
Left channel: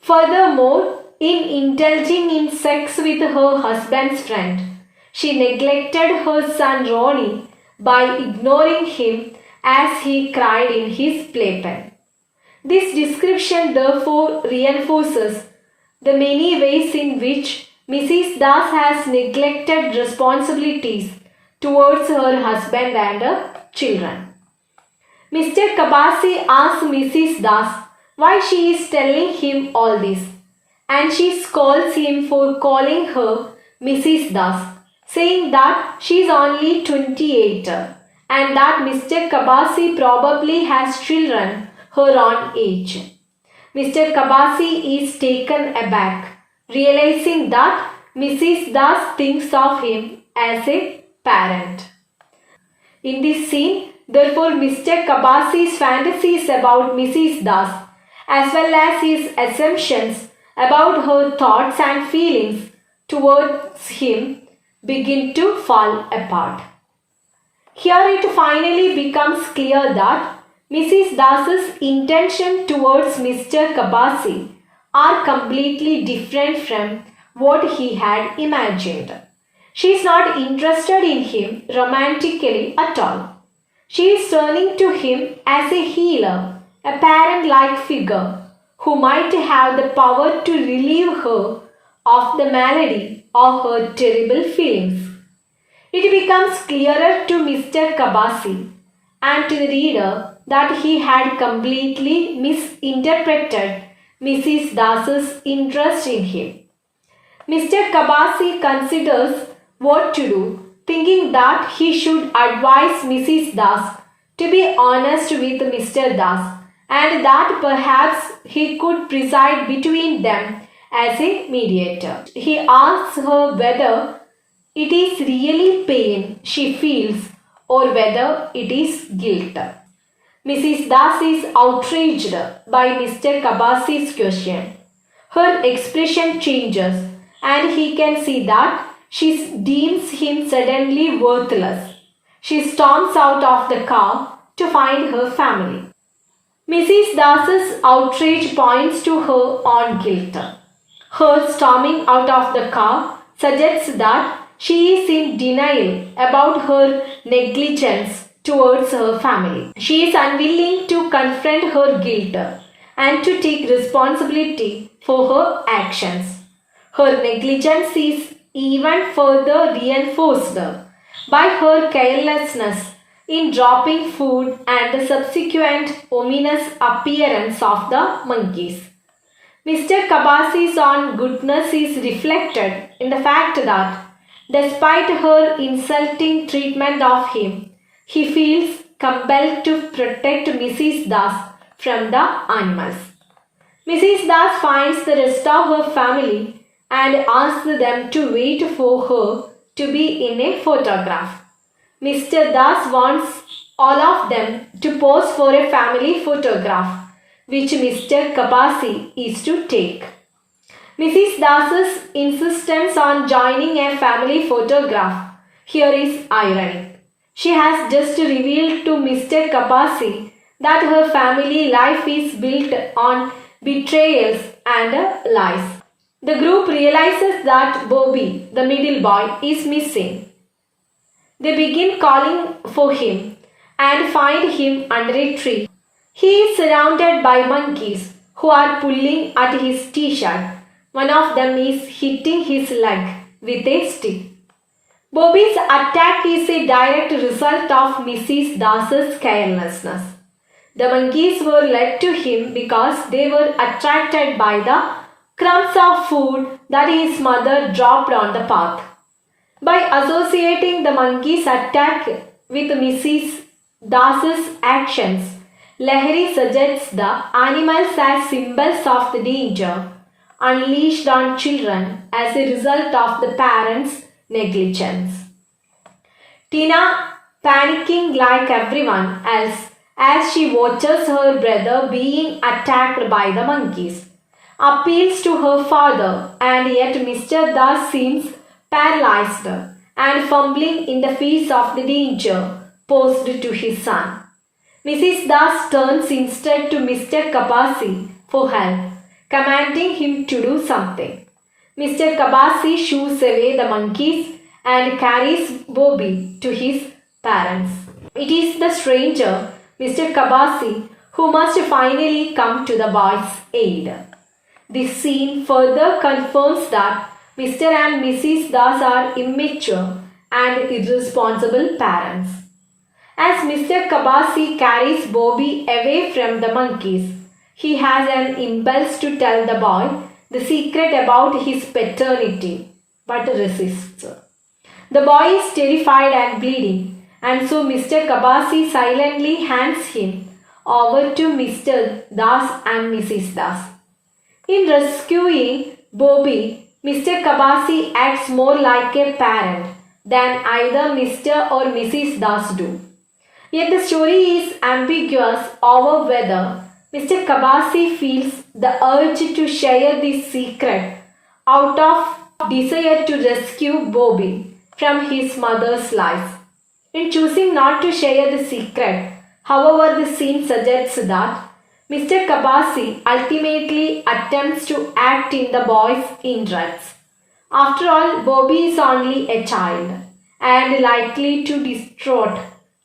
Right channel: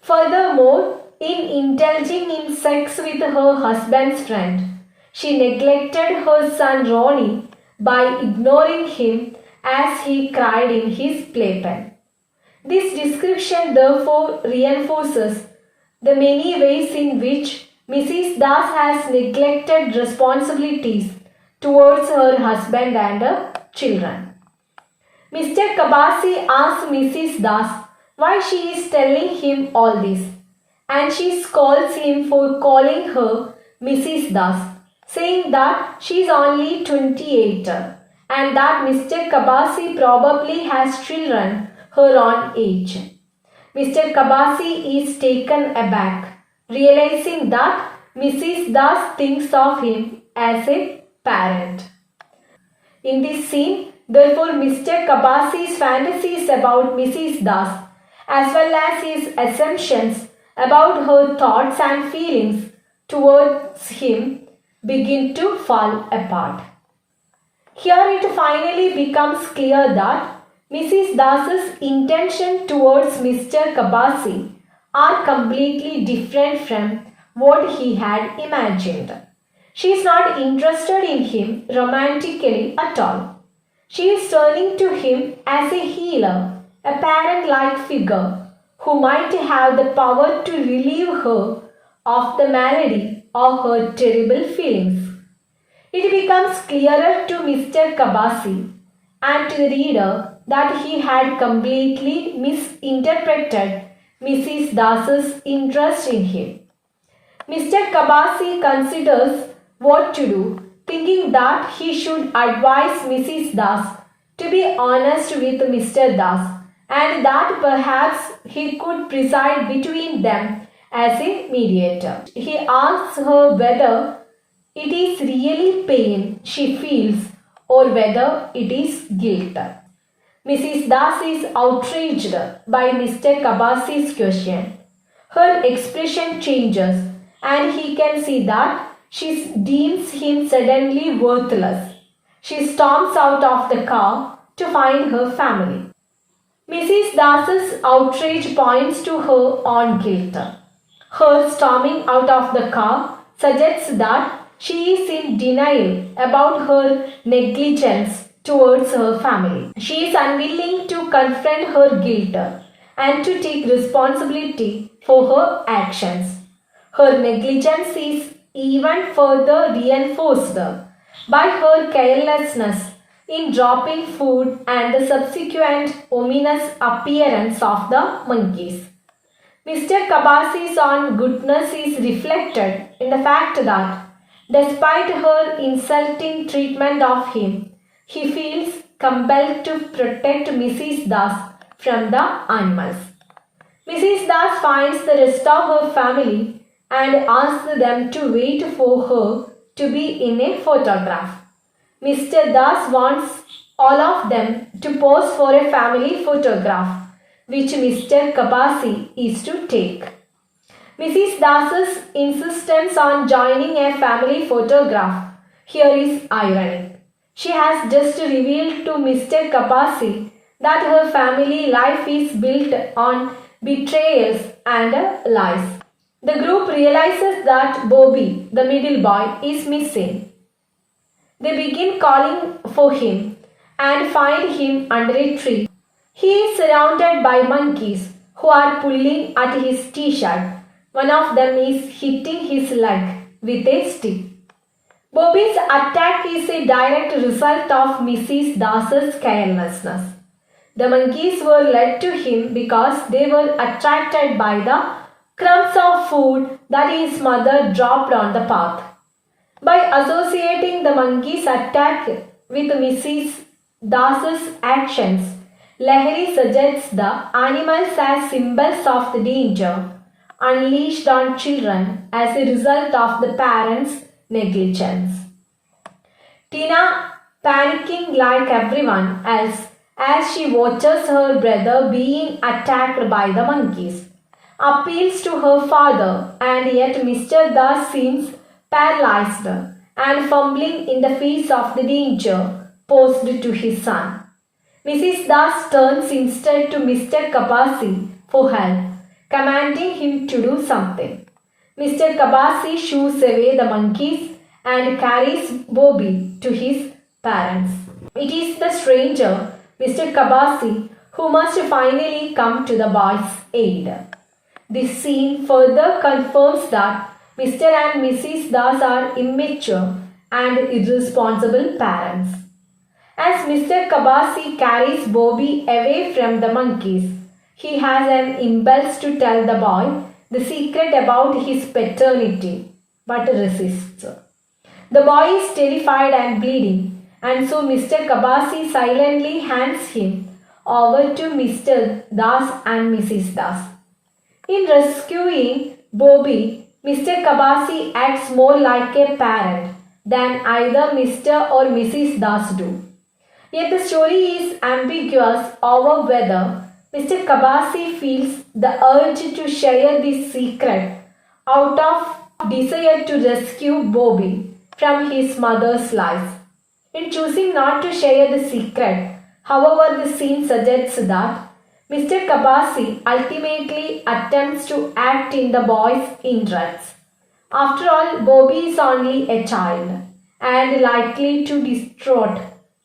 Furthermore, in indulging in sex with her husband's friend, she neglected her son Ronnie by ignoring him as he cried in his playpen. This description therefore reinforces the many ways in which Mrs. Das has neglected responsibilities towards her husband and her children. Mr. Kabasi asks Mrs. Das why she is telling him all this, and she scolds him for calling her Mrs. Das, saying that she is only 28 and that Mr. Kabasi probably has children her own age. Mr. Kabasi is taken aback, realizing that Mrs. Das thinks of him as a parent. In this scene, therefore, Mr. Kabasi's fantasies about Mrs. Das, as well as his assumptions about her thoughts and feelings towards him, begin to fall apart. Here it finally becomes clear that Mrs. Das's intention towards Mr. Kabasi are completely different from what he had imagined. She is not interested in him romantically at all. She is turning to him as a healer, a parent-like figure who might have the power to relieve her of the malady of her terrible feelings. It becomes clearer to Mr. Kabasi and to the reader that he had completely misinterpreted Mrs. Das's interest in him. Mr. Kabasi considers what to do, thinking that he should advise Mrs. Das to be honest with Mr. Das and that perhaps he could preside between them as a mediator. He asks her whether it is really pain she feels or whether it is guilt. Mrs. Das is outraged by Mr. Kabasi's question. Her expression changes and he can see that she deems him suddenly worthless. She storms out of the car to find her family. Mrs. Das's outrage points to her own guilt. Her storming out of the car suggests that she is in denial about her negligence towards her family. She is unwilling to confront her guilt and to take responsibility for her actions. Her negligence is even further reinforced by her carelessness in dropping food and the subsequent ominous appearance of the monkeys. Mr. Kabasi's own goodness is reflected in the fact that, despite her insulting treatment of him, he feels compelled to protect Mrs. Das from the animals. Mrs. Das finds the rest of her family and asks them to wait for her to be in a photograph. Mr. Das wants all of them to pose for a family photograph, which Mr. Kabasi is to take. Mrs. Das's insistence on joining a family photograph here is ironic. She has just revealed to Mr. Kabasi that her family life is built on betrayals and lies. The group realizes that Bobby, the middle boy, is missing. They begin calling for him and find him under a tree. He is surrounded by monkeys who are pulling at his t-shirt. One of them is hitting his leg with a stick. Bobby's attack is a direct result of Mrs. Das's carelessness. The monkeys were led to him because they were attracted by the crumbs of food that his mother dropped on the path. By associating the monkey's attack with Mrs. Das's actions, Lahiri suggests the animals as symbols of the danger unleashed on children as a result of the parents' negligence. Tina, panicking like everyone else as she watches her brother being attacked by the monkeys, appeals to her father, and yet Mr. Das seems paralyzed and fumbling in the face of the danger posed to his son. Mrs. Das turns instead to Mr. Kabasi for help, commanding him to do something. Mr. Kabasi shoos away the monkeys and carries Bobby to his parents. It is the stranger, Mr. Kabasi, who must finally come to the boy's aid. This scene further confirms that Mr. and Mrs. Das are immature and irresponsible parents. As Mr. Kabasi carries Bobby away from the monkeys, he has an impulse to tell the boy the secret about his paternity, but resists. The boy is terrified and bleeding, and so Mr. Kabasi silently hands him over to Mr. Das and Mrs. Das. In rescuing Bobby, Mr. Kabasi acts more like a parent than either Mr. or Mrs. Das do. Yet the story is ambiguous over whether Mr. Kabasi feels the urge to share this secret out of desire to rescue Bobby from his mother's life. In choosing not to share the secret, however, the scene suggests that Mr. Kabasi ultimately attempts to act in the boy's interests. After all, Bobby is only a child and likely to distraught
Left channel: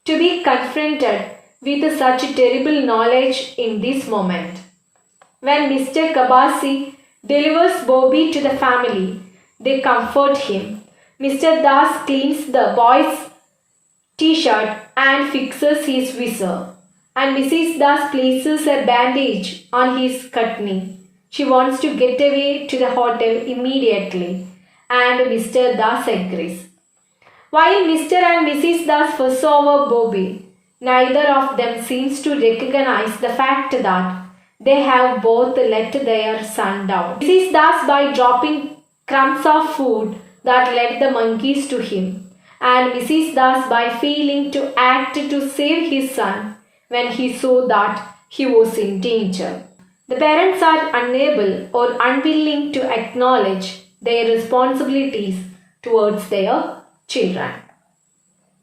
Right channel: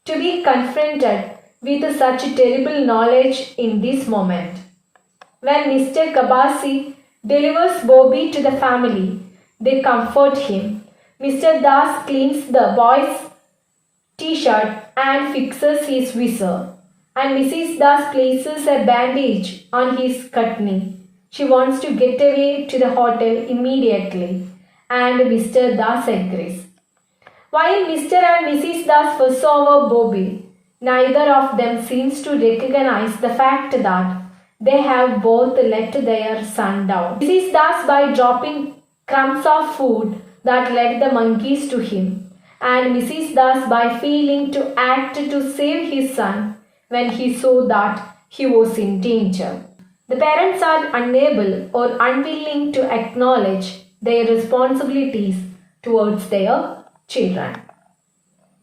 to be confronted with such terrible knowledge in this moment. When Mr. Kabasi delivers Bobby to the family, they comfort him. Mr. Das cleans the boy's t-shirt and fixes his visor. and Mrs. Das places a bandage on his cut knee. She wants to get away to the hotel immediately, and Mr. Das agrees. While Mr. and Mrs. Das fuss over Bobby, neither of them seems to recognize the fact that they have both let their son down. Mrs. Das by dropping crumbs of food that led the monkeys to him, and Mrs. Das by failing to act to save his son when he saw that he was in danger. The parents are unable or unwilling to acknowledge their responsibilities towards their children.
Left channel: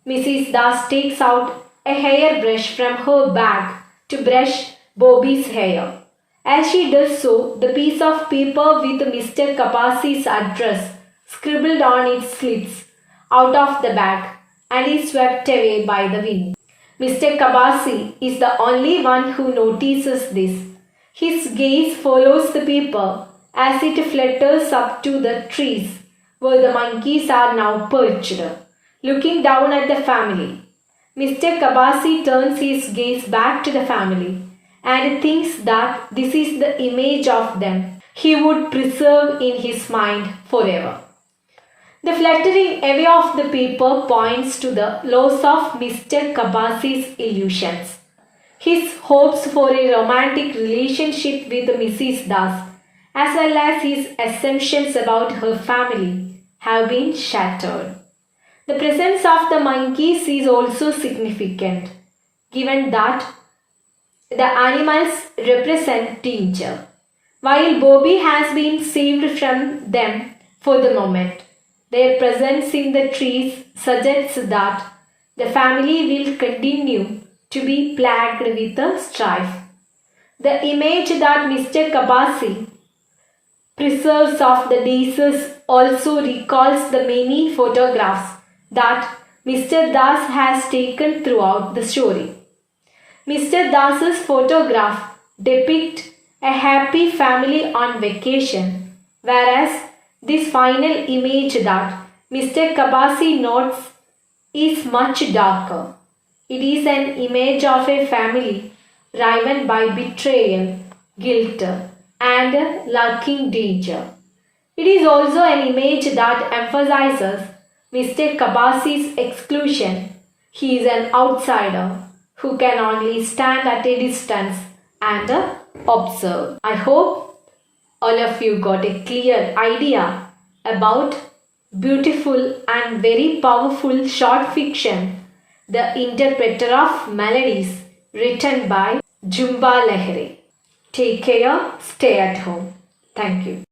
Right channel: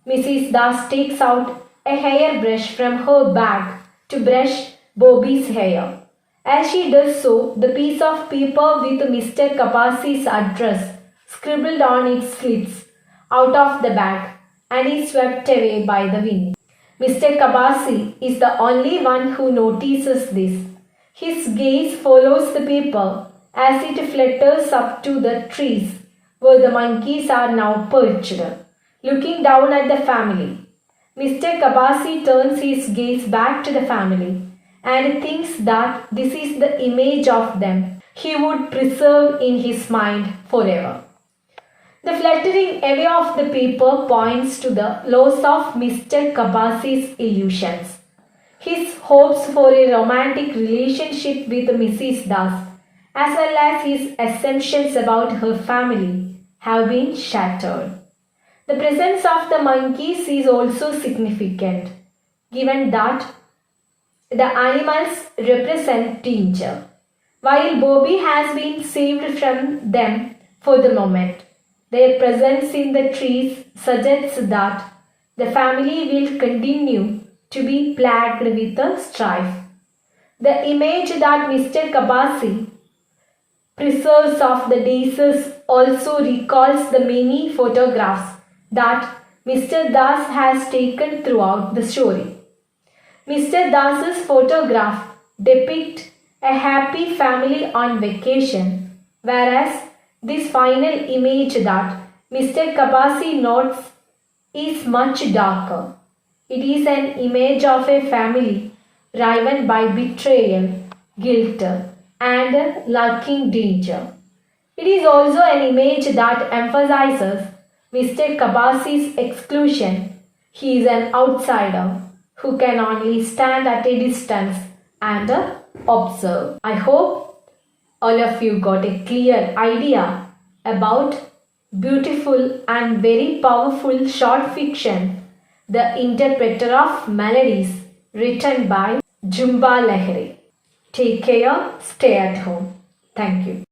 Mrs. Das takes out a hairbrush from her bag to brush Bobby's hair. As she does so, the piece of paper with Mr. Kapasi's address scribbled on it slips out of the bag and is swept away by the wind. Mr. Kabasi is the only one who notices this. His gaze follows the paper as it flutters up to the trees where the monkeys are now perched, looking down at the family. Mr. Kabasi turns his gaze back to the family and thinks that this is the image of them he would preserve in his mind forever. The fluttering away of the paper points to the loss of Mr. Kabasi's illusions. His hopes for a romantic relationship with Mrs. Das, as well as his assumptions about her family, have been shattered. The presence of the monkeys is also significant, given that the animals represent danger. While Bobby has been saved from them for the moment, their presence in the trees suggests that the family will continue to be plagued with the strife. The image that Mr. Kabasi preserves of the daisies also recalls the many photographs that Mr. Das has taken throughout the story. Mr. Das's photograph depicts a happy family on vacation, whereas this final image that Mr. Kabasi notes is much darker. It is an image of a family riven by betrayal, guilt, and lurking danger. It is also an image that emphasizes Mr. Kabasi's exclusion. He is an outsider who can only stand at a distance and observe. I hope all of you got a clear idea about beautiful and very powerful short fiction, The Interpreter of Melodies, written by Jumba Lahiri. Take care, stay at home. Thank you.